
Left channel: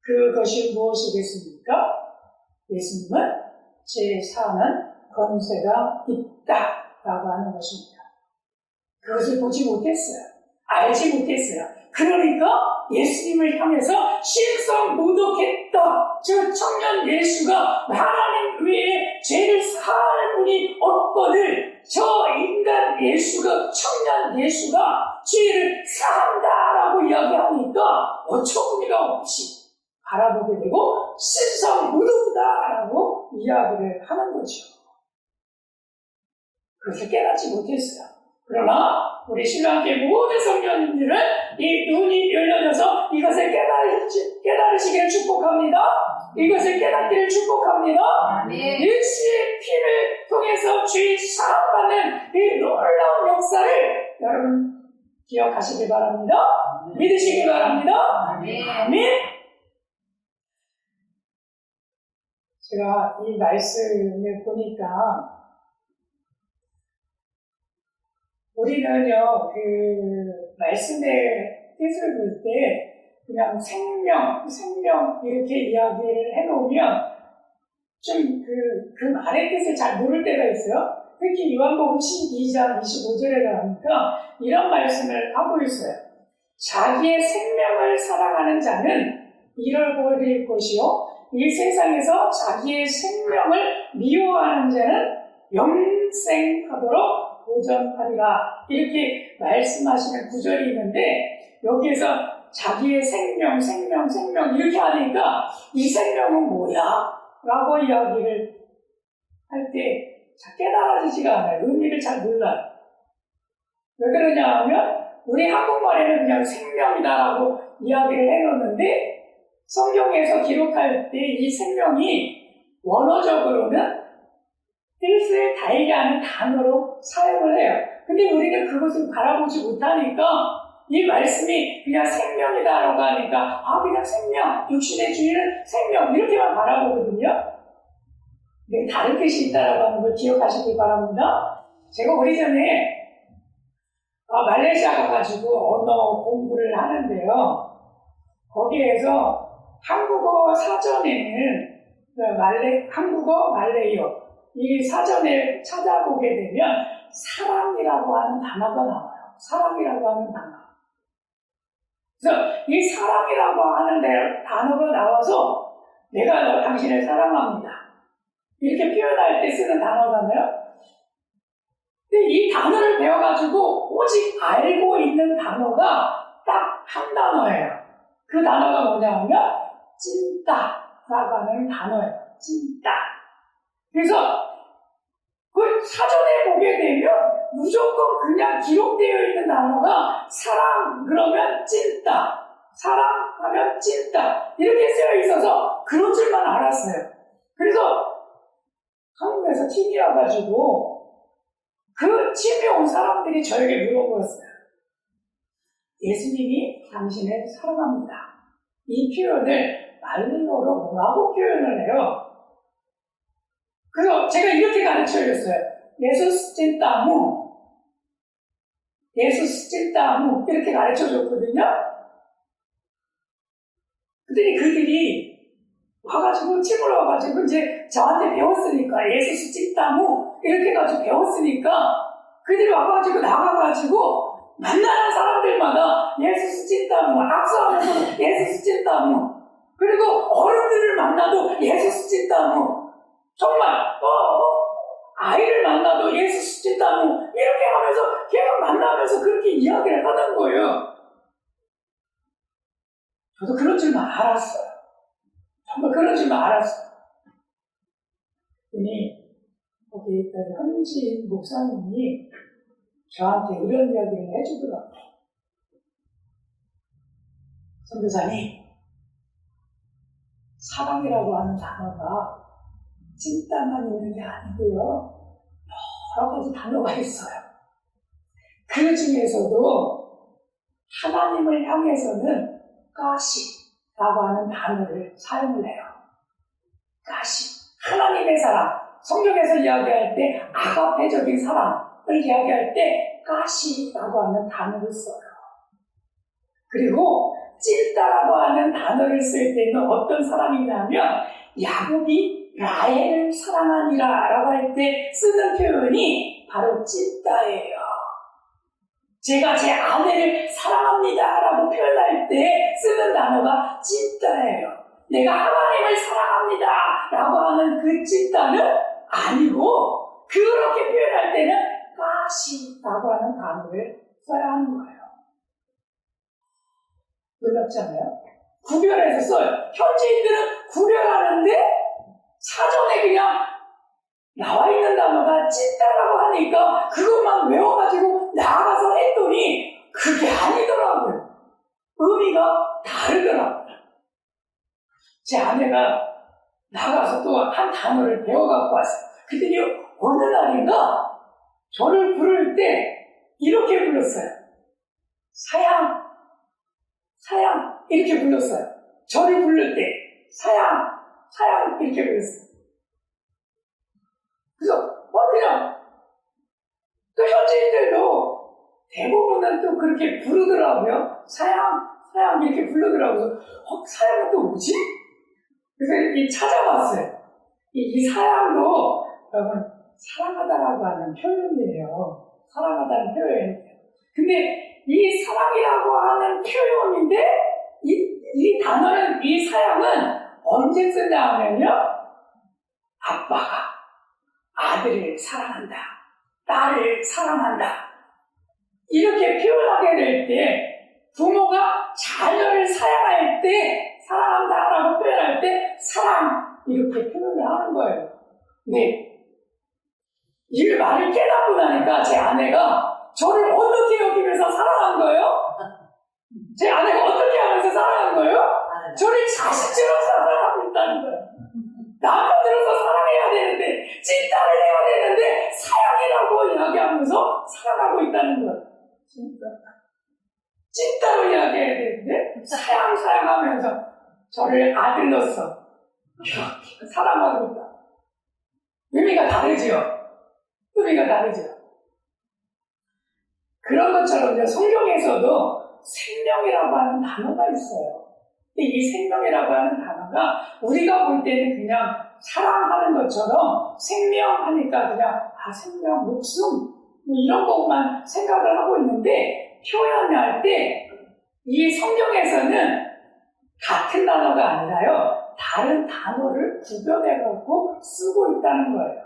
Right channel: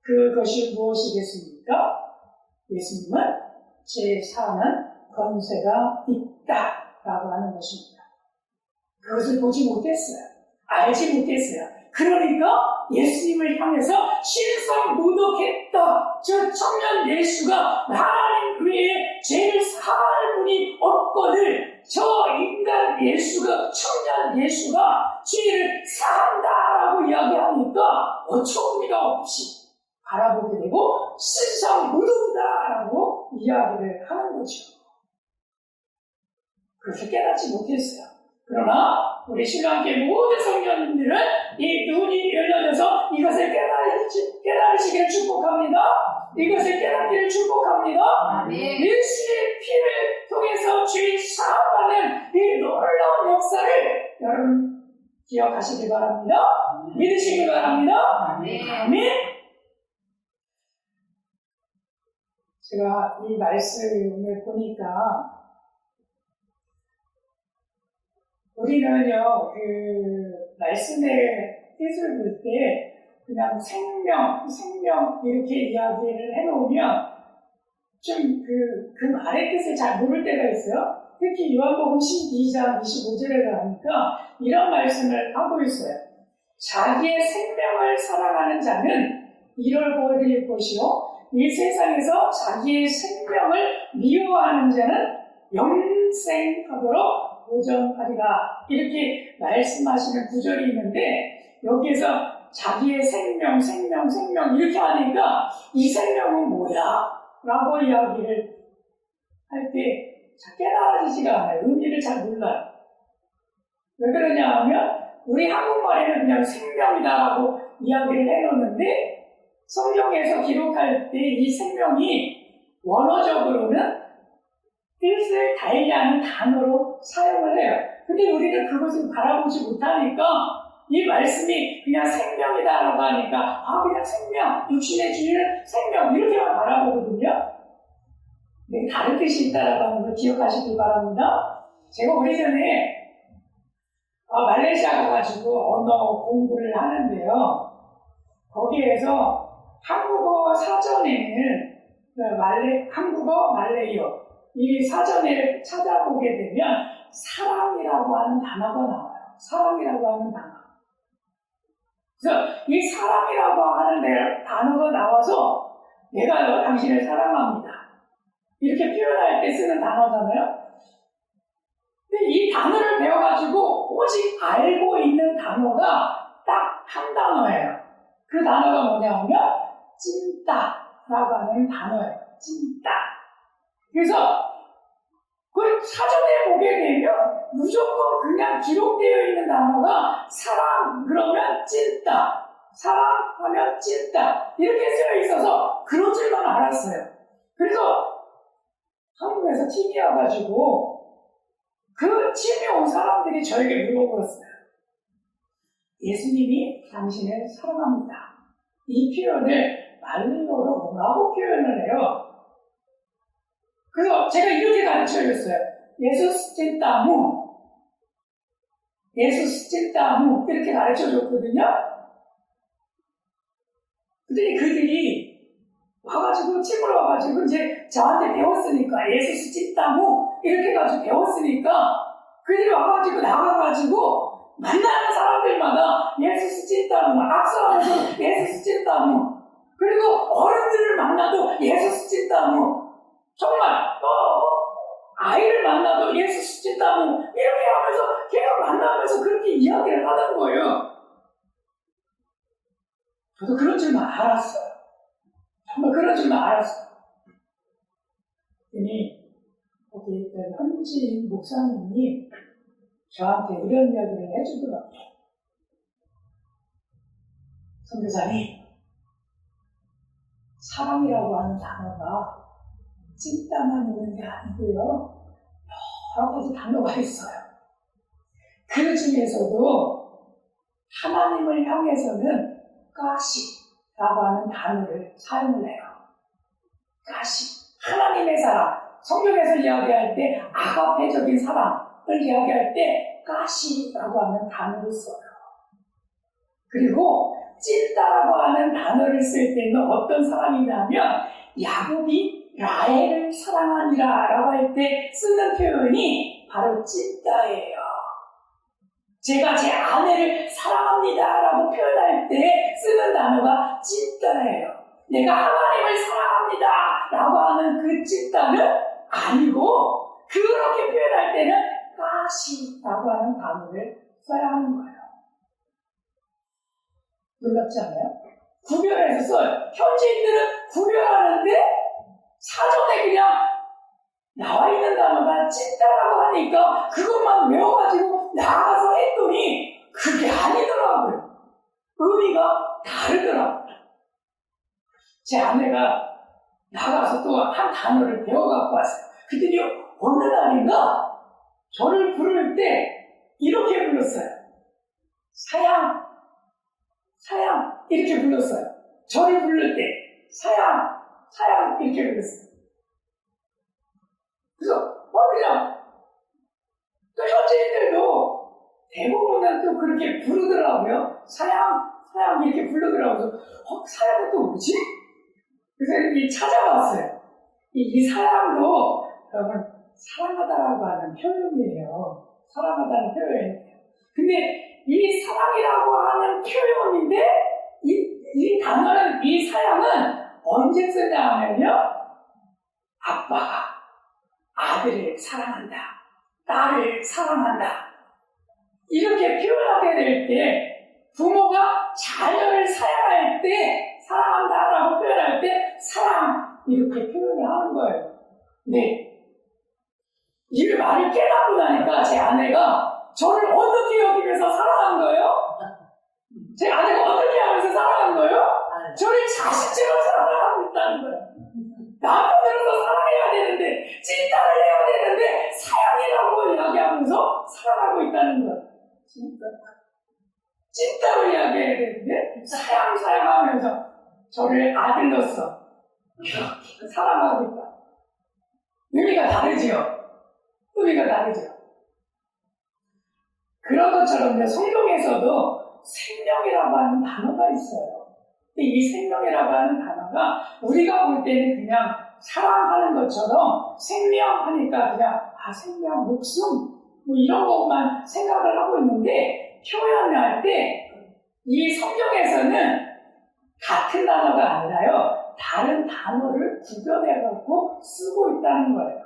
그것이 무엇이겠습니까? 예수님은 죄 사는 권세가 있다라고 하는 것입니다. 그것을 보지 못했어요. 알지 못했어요. 그러니까 예수님을 향해서 신성모독했던 저 청년 예수가 하나님 외에 죄를 사할 분이 없거늘 저 인간 예수가 청년 예수가 죄를 사한다라고 이야기하니까 어처구니가 없이 바라보게 되고 신성모독이다라고 이야기를 하는 거죠. 그것을 깨닫지 못했어요. 그러나 우리 신랑교회 모든 성도님들은 이 눈이 열려져서 이것을 깨달으시기를 축복합니다. 이것을 깨닫기를 축복합니다. 예수의 피를 통해서 죄 사함받는 이 놀라운 역사를 여러분 기억하시길 바랍니다. 믿으시길 바랍니다. 아멘. 제가 이 말씀을 보니까 우리는요, 그 말씀의 뜻을 볼 때 그냥 생명 이렇게 이야기를 해놓으면 좀 그 말의 뜻을 잘 모를 때가 있어요. 특히 요한복음 12장 25절에 가니까 이런 말씀을 하고 있어요. 자기의 생명을 사랑하는 자는 잃어버릴 것이요 이 세상에서 자기의 생명을 미워하는 자는 영생하도록 도전하리라 이렇게 말씀하시는 구절이 있는데 여기에서 자기의 생명 이렇게 하니까 이 생명은 뭐야? 라고 이야기를 할 때 잘 깨달아지지가 않아요. 의미를 잘 몰라요. 왜 그러냐 하면 우리 한국말에는 그냥 생명이다라고 이야기를 해놓는데 성경에서 기록할 때 이 생명이 원어적으로는 뜻을 달게 하는 단어로 사용을 해요. 근데 우리는 그것을 바라보지 못하니까 이 말씀이 그냥 생명이다라고 하니까 그냥 생명, 육신의 주인은 생명 이렇게만 바라보거든요. 근데 다른 뜻이 있다라고 하는 걸 기억하시길 바랍니다. 제가 오래전에 말레이시아 가가지고 언어 공부를 하는데요. 거기에서 한국어 사전에는 한국어, 말레이어 이 사전에 찾아보게 되면 사랑이라고 하는 단어가 나와요. 사랑이라고 하는 단어. 그래서 이 사랑이라고 하는 단어가 나와서 내가 당신을 사랑합니다. 이렇게 표현할 때 쓰는 단어잖아요. 이 단어를 배워가지고 오직 알고 있는 단어가 딱 한 단어예요. 그 단어가 뭐냐면 찐따라고 하는 단어예요. 찐따. 그래서 그 사전에 보게 되면 무조건 그냥 기록되어 있는 단어가 사랑 그러면 찐따, 사랑하면 찐따 이렇게 쓰여 있어서 그런 줄만 알았어요. 그래서 한국에서 TV 와가지고 그 집에 온 사람들이 저에게 물어보았어요. 예수님이 당신을 사랑합니다. 이 표현을 말리어로 뭐라고 표현을 해요? 그래서 제가 이렇게 가르쳐줬어요. 예수스 찐따무, 예수스 찐따무 이렇게 가르쳐줬거든요. 그랬더니 그들이 와가지고 집으로 와가지고 이제 저한테 배웠으니까 예수스 찐따무 이렇게 해가지고 배웠으니까 그들이 와가지고 나가가지고 만나는 사람들마다 예수스 찐따무 악수하면서 예수스 찐따무 그리고 어른들을 만나도 예수스 찐따무 정말 아이를 만나도 예수스 찐따무 이렇게 하면서 계속 만나면서 그렇게 이야기를 하는 거예요. 저도 그런 줄만 알았어요. 정말 그런 줄만 알았어요. 그랬더니 거기 있던 현지 목사님이 저한테 이런 이야기를 해주더라고요. 선교사님, 사랑이라고 하는 단어가 찐따만 있는 게 아니고요. 여러 가지 단어가 있어요. 그 중에서도 하나님을 향해서는 가시라고 하는 단어를 사용을 해요. 가시, 하나님의 사랑. 성경에서 이야기할 때 아가페적인 사랑을 이야기할 때 가시라고 하는 단어를 써요. 그리고 찐따라고 하는 단어를 쓸 때는 어떤 사람이냐면 야곱이 라헬을 사랑하니라 라고 할 때 쓰는 표현이 바로 찐따예요. 제가 제 아내를 사랑합니다 라고 표현할 때 쓰는 단어가 찐따예요. 내가 하나님을 사랑합니다 라고 하는 그 찐따는 아니고 그렇게 표현할 때는 가시라고 하는 단어를 써야 하는 거예요. 놀랍잖아요? 구별해서 써요. 현지인들은 구별하는데 사전에 그냥 나와 있는 단어가 찐따라고 하니까 그것만 외워가지고 나가서 했더니 그게 아니더라고요. 의미가 다르더라고요. 제 아내가 나가서 또 한 단어를 배워갖고 왔어요. 그랬더니 어느 날인가 저를 부를 때 이렇게 불렀어요. 사양, 사양 이렇게 불렀어요. 저를 부를 때 사양, 사양 이렇게 불렀어요. 그래서 그냥 또 현지인들도 대부분은 또 그렇게 부르더라고요. 사양, 사양 이렇게 부르더라고요. 그래서 사양은 또 뭐지? 그래서 이렇게 찾아봤어요. 이 사양도 여러분 사랑하다라고 하는 표현이에요. 사랑하다는 표현이에요. 근데 이 사랑이라고 하는 표현인데 이 단어는 이 사양은 언제 쓰냐 하면요. 아빠가 아들을 사랑한다. 딸을 사랑한다. 이렇게 표현하게 될 때 부모가 자녀를 사랑할 때 사랑한다라고 표현할 때 사랑 이렇게 표현을 하는 거예요. 네. 이 말을 깨닫고 나니까 제 아내가 저를 어떻게 여기면서 사랑한 거예요? 제 아내가 어떻게 하면서 사랑한 거예요? 저를 자식처럼 사랑하고 있다는 거예요. 남편으로서 사랑해야 되는데 찐따를 해야 되는데 사랑이라고 이야기하면서 사랑하고 있다는 거예요. 진짜 찐따로 이야기해야 되는데 사랑하면서 저를 아들로서 이렇게 사랑하고 있다. 의미가 다르지요. 의미가 다르죠. 그런 것처럼 성경에서도 생명이라고 하는 단어가 있어요. 근데 이 생명이라고 하는 단어가 우리가 볼 때는 그냥 사랑하는 것처럼 생명하니까 그냥 생명, 목숨 뭐 이런 것만 생각을 하고 있는데 표현할 때 이 성경에서는 같은 단어가 아니라요. 다른 단어를 구별해갖고 쓰고 있다는 거예요.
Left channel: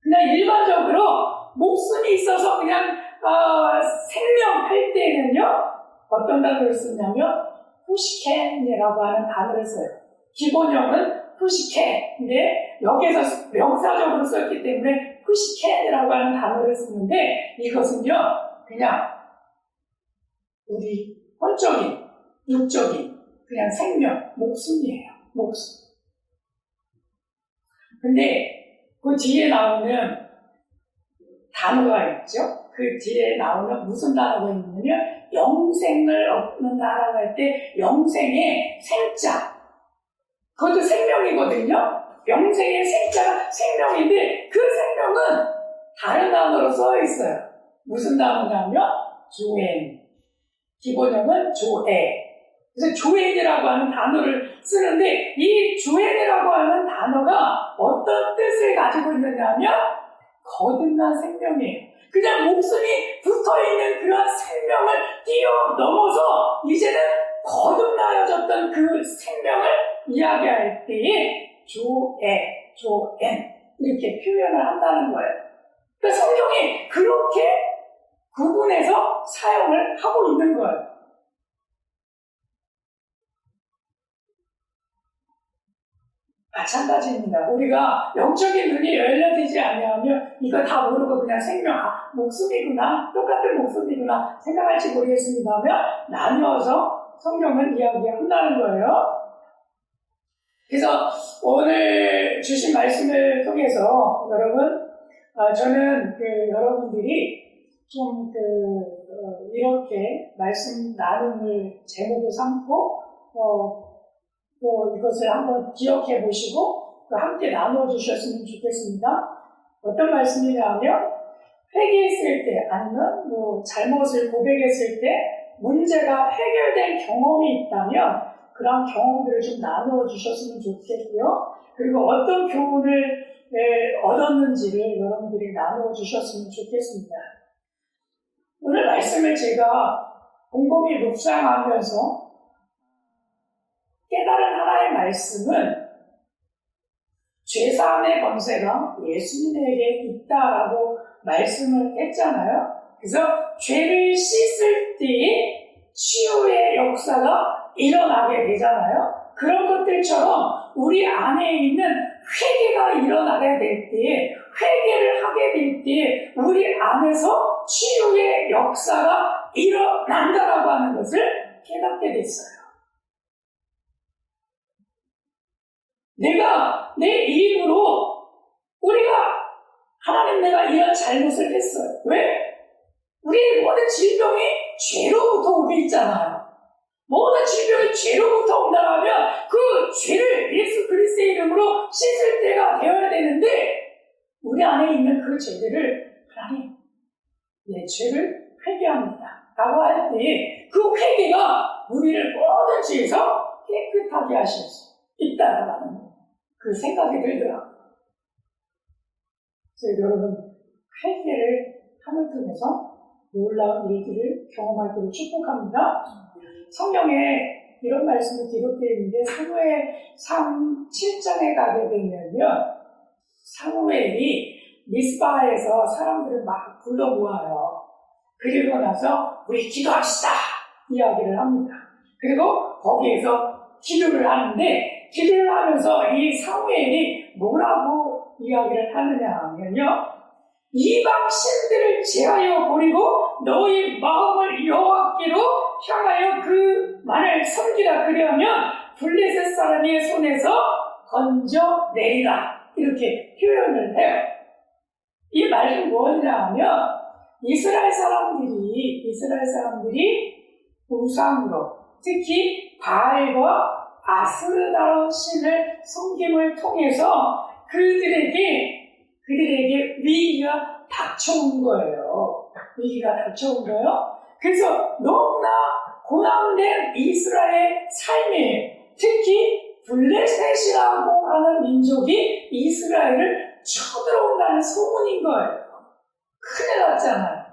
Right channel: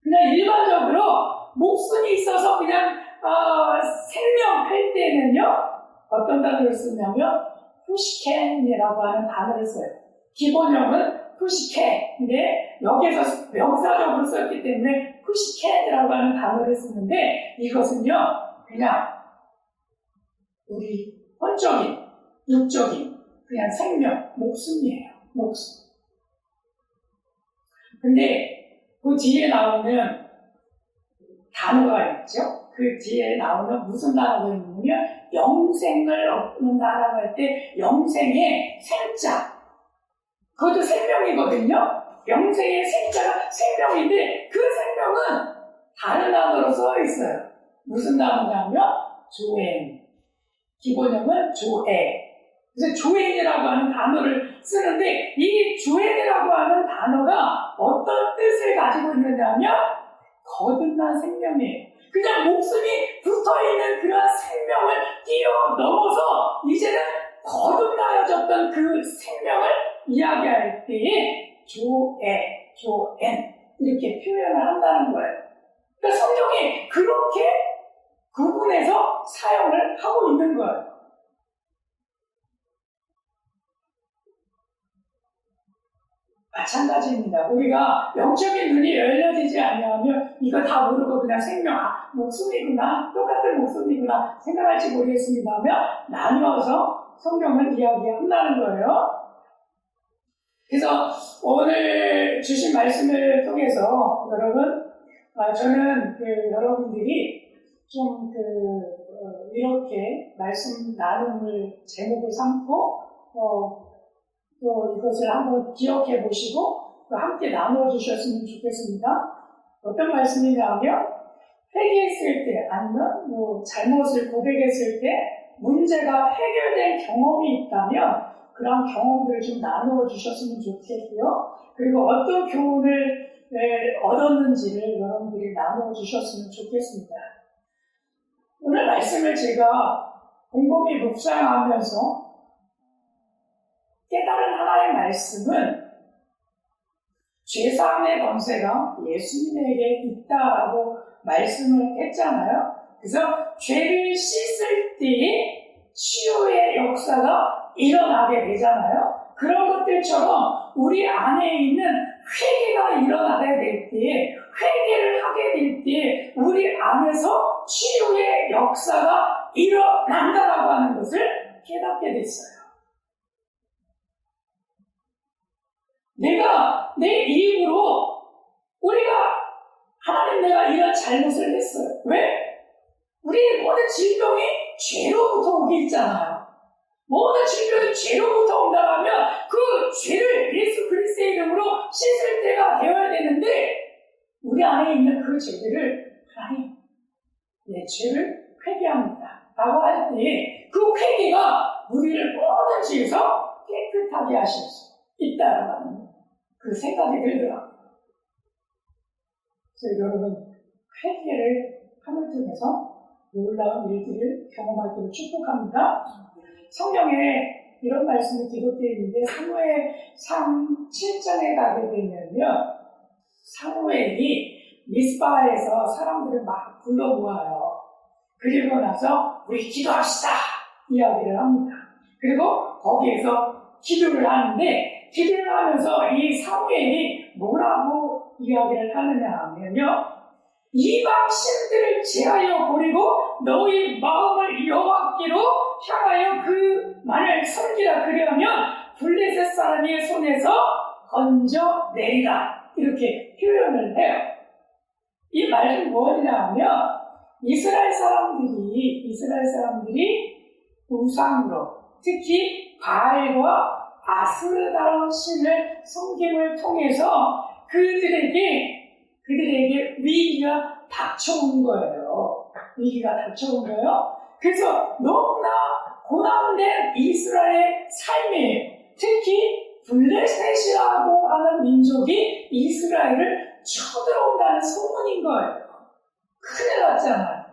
그냥 일반적으로 목숨이 있어서 그냥 생명할 때는요, 어떤 단어를 쓰냐면 푸시켄이라고 하는 단어를 써요. 기본형은 푸시켄인데 여기서 명사적으로 썼기 때문에 푸시켄이라고 하는 단어를 쓰는데, 이것은요 그냥 우리 혼적인, 육적인 그냥 생명, 목숨이에요. 목숨. 근데 그 뒤에 나오는 단어가 있죠. 그 뒤에 나오는 무슨 단어가 있냐면 영생을 얻는 단어가 할 때 영생의 생자, 그것도 생명이거든요. 영생의 생자가 생명인데 그 생명은 다른 단어로 써 있어요. 무슨 단어냐면 조엔. 기본형은 조에. 그래서 조엔이라고 하는 단어를 쓰는데, 이 조엔이라고 하는 단어가 어떤 뜻을 가지고 있느냐면 거듭난 생명이에요. 그냥 목숨이 붙어있는 그런 생명을 뛰어넘어서 이제는 거듭나여졌던 그 생명을 이야기할 때에 조에, 조엔 이렇게 표현을 한다는 거예요. 그러니까 성경이 그렇게 구분해서 사용을 하고 있는 거예요. 마찬가지입니다. 우리가 영적인 눈이 열려지지 않으면 이거 다 모르고 그냥 생명, 목숨이구나, 똑같은 목숨이구나 생각할지 모르겠습니다만 나누어서 성경을 이야기한다는 거예요. 그래서 오늘 주신 말씀을 통해서 여러분, 저는 여러분들이 좀 이렇게 말씀 나눔을 제목을 삼고 또 이것을 한번 기억해 보시고 또 함께 나눠 주셨으면 좋겠습니다. 어떤 말씀이냐면, 회개했을 때 아니면 잘못을 고백했을 때 문제가 해결된 경험이 있다면 그런 경험들을 좀 나누어 주셨으면 좋겠고요. 그리고 어떤 교훈을 얻었는지를 여러분들이 나누어 주셨으면 좋겠습니다. 오늘 말씀을 제가 곰곰이 묵상하면서 깨달은 하나의 말씀은 죄사함의 권세가 예수님에게 있다라고 말씀을 했잖아요. 그래서 죄를 씻을 때에 치유의 역사가 일어나게 되잖아요. 그런 것들처럼 우리 안에 있는 회개가 일어나게 될 때에, 회개를 하게 될 때에 우리 안에서 치유의 역사가 일어난다라고 하는 것을 깨닫게 됐어요. 내가 내 입으로 우리가 하나님 내가 이런 잘못을 했어요. 왜? 우리 모든 질병이 죄로부터 오게 있잖아요. 모든 질병이 죄로부터 온다면 그 죄를 예수 그리스도의 이름으로 씻을 때가 되어야 되는데, 우리 안에 있는 그 죄들을 하나님 내 죄를 회개합니다 라고 할 때 그 회개가 우리를 모든 죄에서 깨끗하게 하실 수 있다라고 하는 그 생각이 들더라고요. 그래서 여러분, 회개를 함을 통해서 놀라운 일들을 경험하기를 축복합니다. 성경에 이런 말씀이 기록되어 있는데, 사무엘상 7장에 가게 되면요, 사무엘이 미스바에서 사람들을 막 불러 모아요. 그리고 나서 우리 기도합시다 이야기를 합니다. 그리고 거기에서 기도를 하는데, 기도를 하면서 이 사무엘이 뭐라고 이야기를 하느냐 하면요, 이방 신들을 제하여 버리고 너희 마음을 여호와께로 향하여 그만을 섬기라. 그러면 블레셋 사람의 손에서 건져내리라. 이렇게 표현을 해요. 이 말은 뭐냐 하면, 이스라엘 사람들이 우상으로, 특히 바알과 아스르다로 신을 섬김을 통해서 그들에게 위기가 닥쳐온 거예요. 그래서 너무나 고난된 이스라엘 삶에, 특히 블레셋이라고 하는 민족이 이스라엘을 쳐들어온다는 소문인 거예요. 큰일 났잖아요.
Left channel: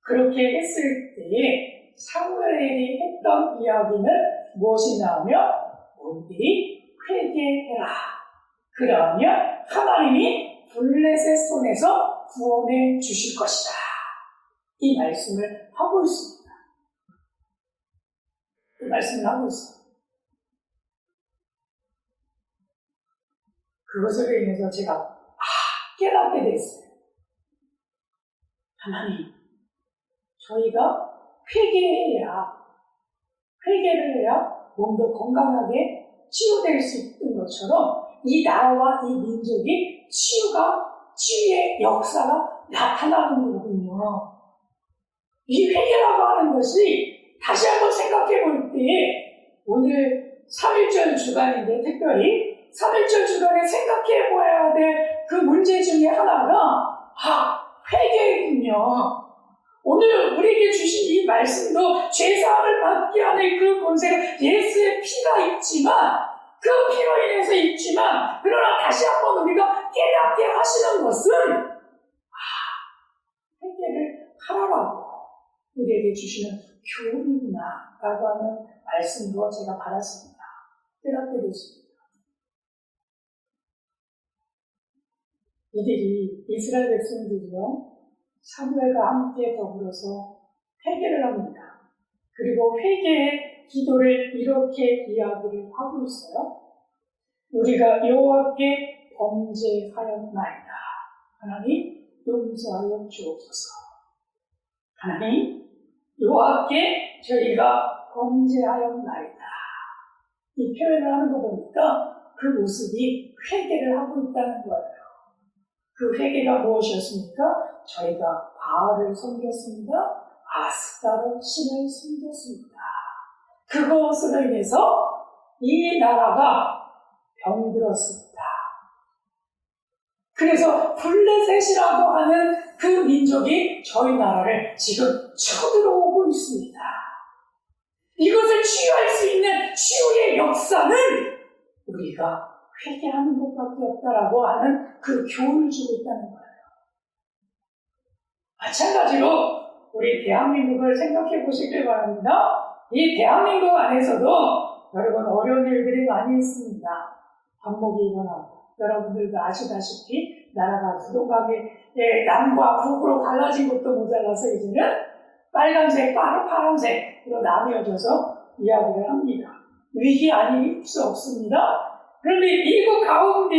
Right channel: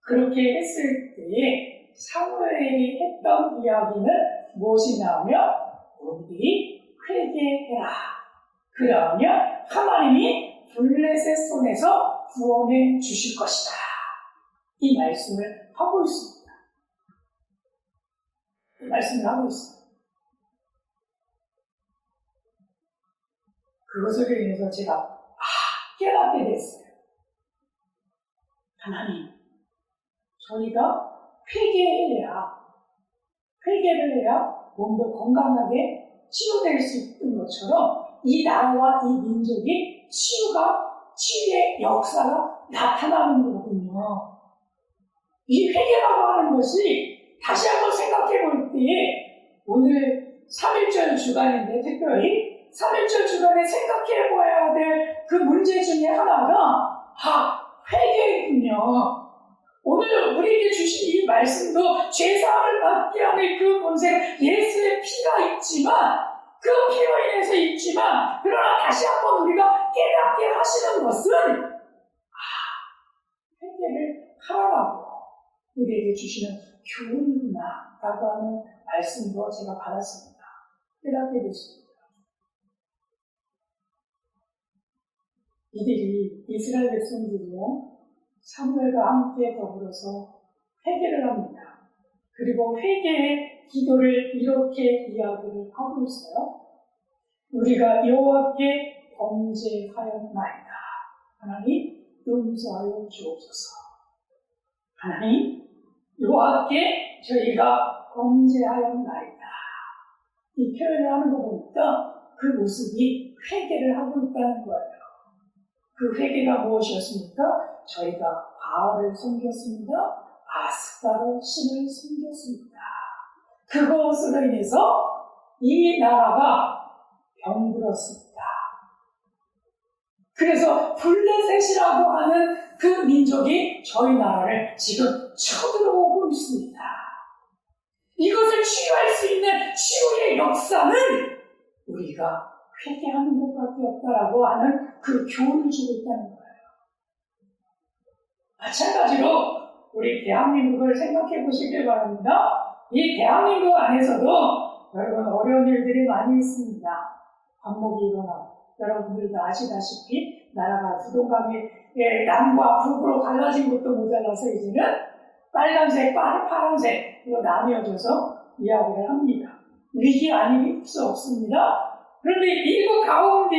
그렇게 했을 때에 사무엘이 했던 이야기는 무엇이냐면, 너희들이 회개해라. 그러면 하나님이 블레셋 손에서 구원해 주실 것이다. 이 말씀을 하고 있습니다. 이 말씀을 하고 있습니다. 그것으로 인해서 제가 깨닫게 됐어요. 하나님, 저희가 회개를 해야 몸도 건강하게 치유될 수 있는 것처럼 이 나라와 이 민족이 치유의 역사가 나타나는 거거든요. 이 회개라고 하는 것이 다시 한번 생각해 볼 때에 오늘 3.1절 주간인데 특별히 3.1절 주간에 생각해 봐야 될 그 문제 중에 하나가 회개군요. 오늘 우리에게 주신 이 말씀도 죄사함을 받게 하는 그 권세가 예수의 피가 있지만 그 피로 인해서 있지만 그러나 다시 한번 우리가 깨닫게 하시는 것은 회개를 하라고 우리에게 주시는 교훈이구나 라고 하는 말씀도 제가 받았습니다. 깨닫게 됐습니다. 이들이 이스라엘 백성들이요 사무엘과 함께 더불어서 회개를 합니다. 그리고 회개의 기도를 이렇게 이야기를 하고 있어요. 우리가 여호와께 범죄하였나이다. 하나님 용서하여 주옵소서. 하나님 여호와께 저희가 범죄하였나이다. 이 표현을 하는 거 보니까 그 모습이 회개를 하고 있다는 거예요. 그 회개가 무엇이었습니까? 저희가 바알을 섬겼습니다. 아스타로 신을 섬겼습니다. 그것으로 인해서 이 나라가 병들었습니다. 그래서 블레셋이라고 하는 그 민족이 저희 나라를 지금 쳐들어오고 있습니다. 이것을 치유할 수 있는 치유의 역사는 우리가 회개하는 것밖에 없다라고 하는 그 교훈을 주고 있다는 거예요. 마찬가지로 우리 대한민국을 생각해 보시길 바랍니다. 이 대한민국 안에서도 여러분 어려운 일들이 많이 있습니다. 반목이 일어나고 여러분들도 아시다시피 나라가 부동감이 남과 북으로 갈라진 것도 모자라서 이제는 빨간색, 파란색으로 나뉘어져서 이야기를 합니다. 위기 아닐 수 없습니다. 그런데 이거 가운데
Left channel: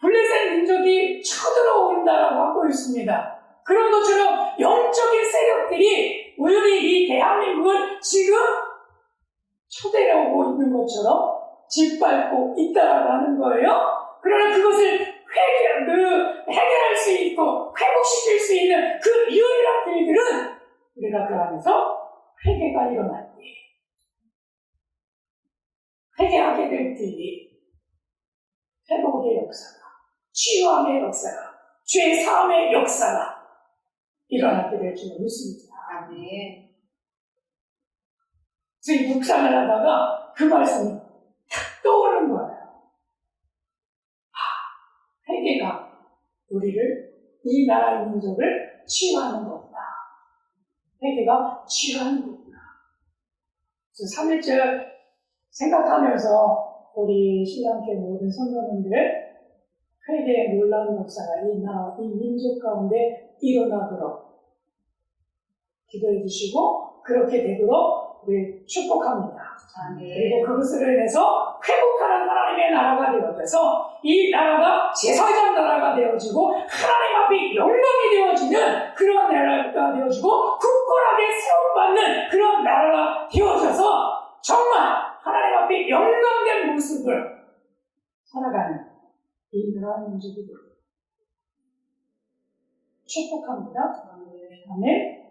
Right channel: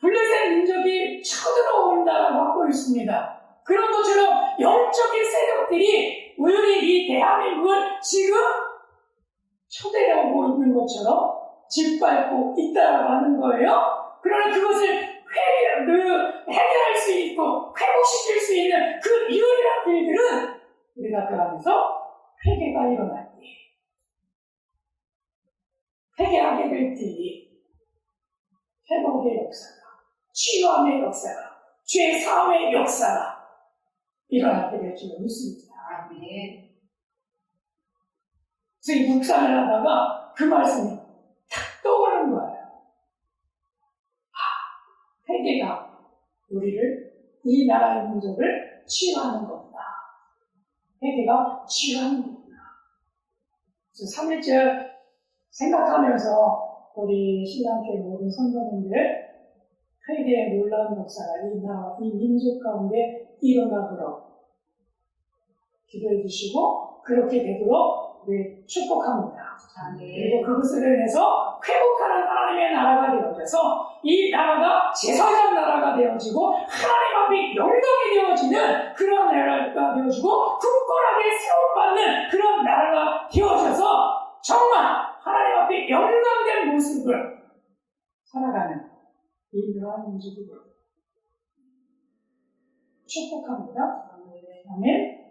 블레셋 민족이 쳐들어온다라고 하고 있습니다. 그런 것처럼 영적인 세력들이 우리 이 대한민국을 지금 쳐들어오고 있는 것처럼 짓밟고 있다라고 하는 거예요. 그러나 그것을 해결할 수 있고 회복시킬 수 있는 그 유일한 길들은 우리가 그 안에서 회개가 일어날 때 회개하게 될 때에 회복의 역사가, 치유함의 역사가, 죄사함의 역사가 일어나게 될 줄 믿습니다. 아멘. 그래서 이 묵상을 하다가 그 말씀이 탁 떠오르는 거예요. 회개가 우리를, 이 나라의 민족을 치유하는 거구나. 회개가 치유하는 거구나. 그래서 3.1절 생각하면서 우리 신랑교회 모든 성도님들 회개의 놀라운 역사가 이 나라, 이 민족 가운데 일어나도록 기도해 주시고 그렇게 되도록 우리 축복합니다. 그리고 그것으로 인해서 회복하는 하나님의 나라가 되어져서 이 나라가 제사장 나라가 되어지고 하나님 앞에 영광이 되어지는 그런 나라가 되어지고 굳건하게 세움받는 그런 나라가 되어져서 정말 하나님 앞에 영광된 모습을 살아가는 이 나라 민족이 됩니다. 축복합니다. 아멘.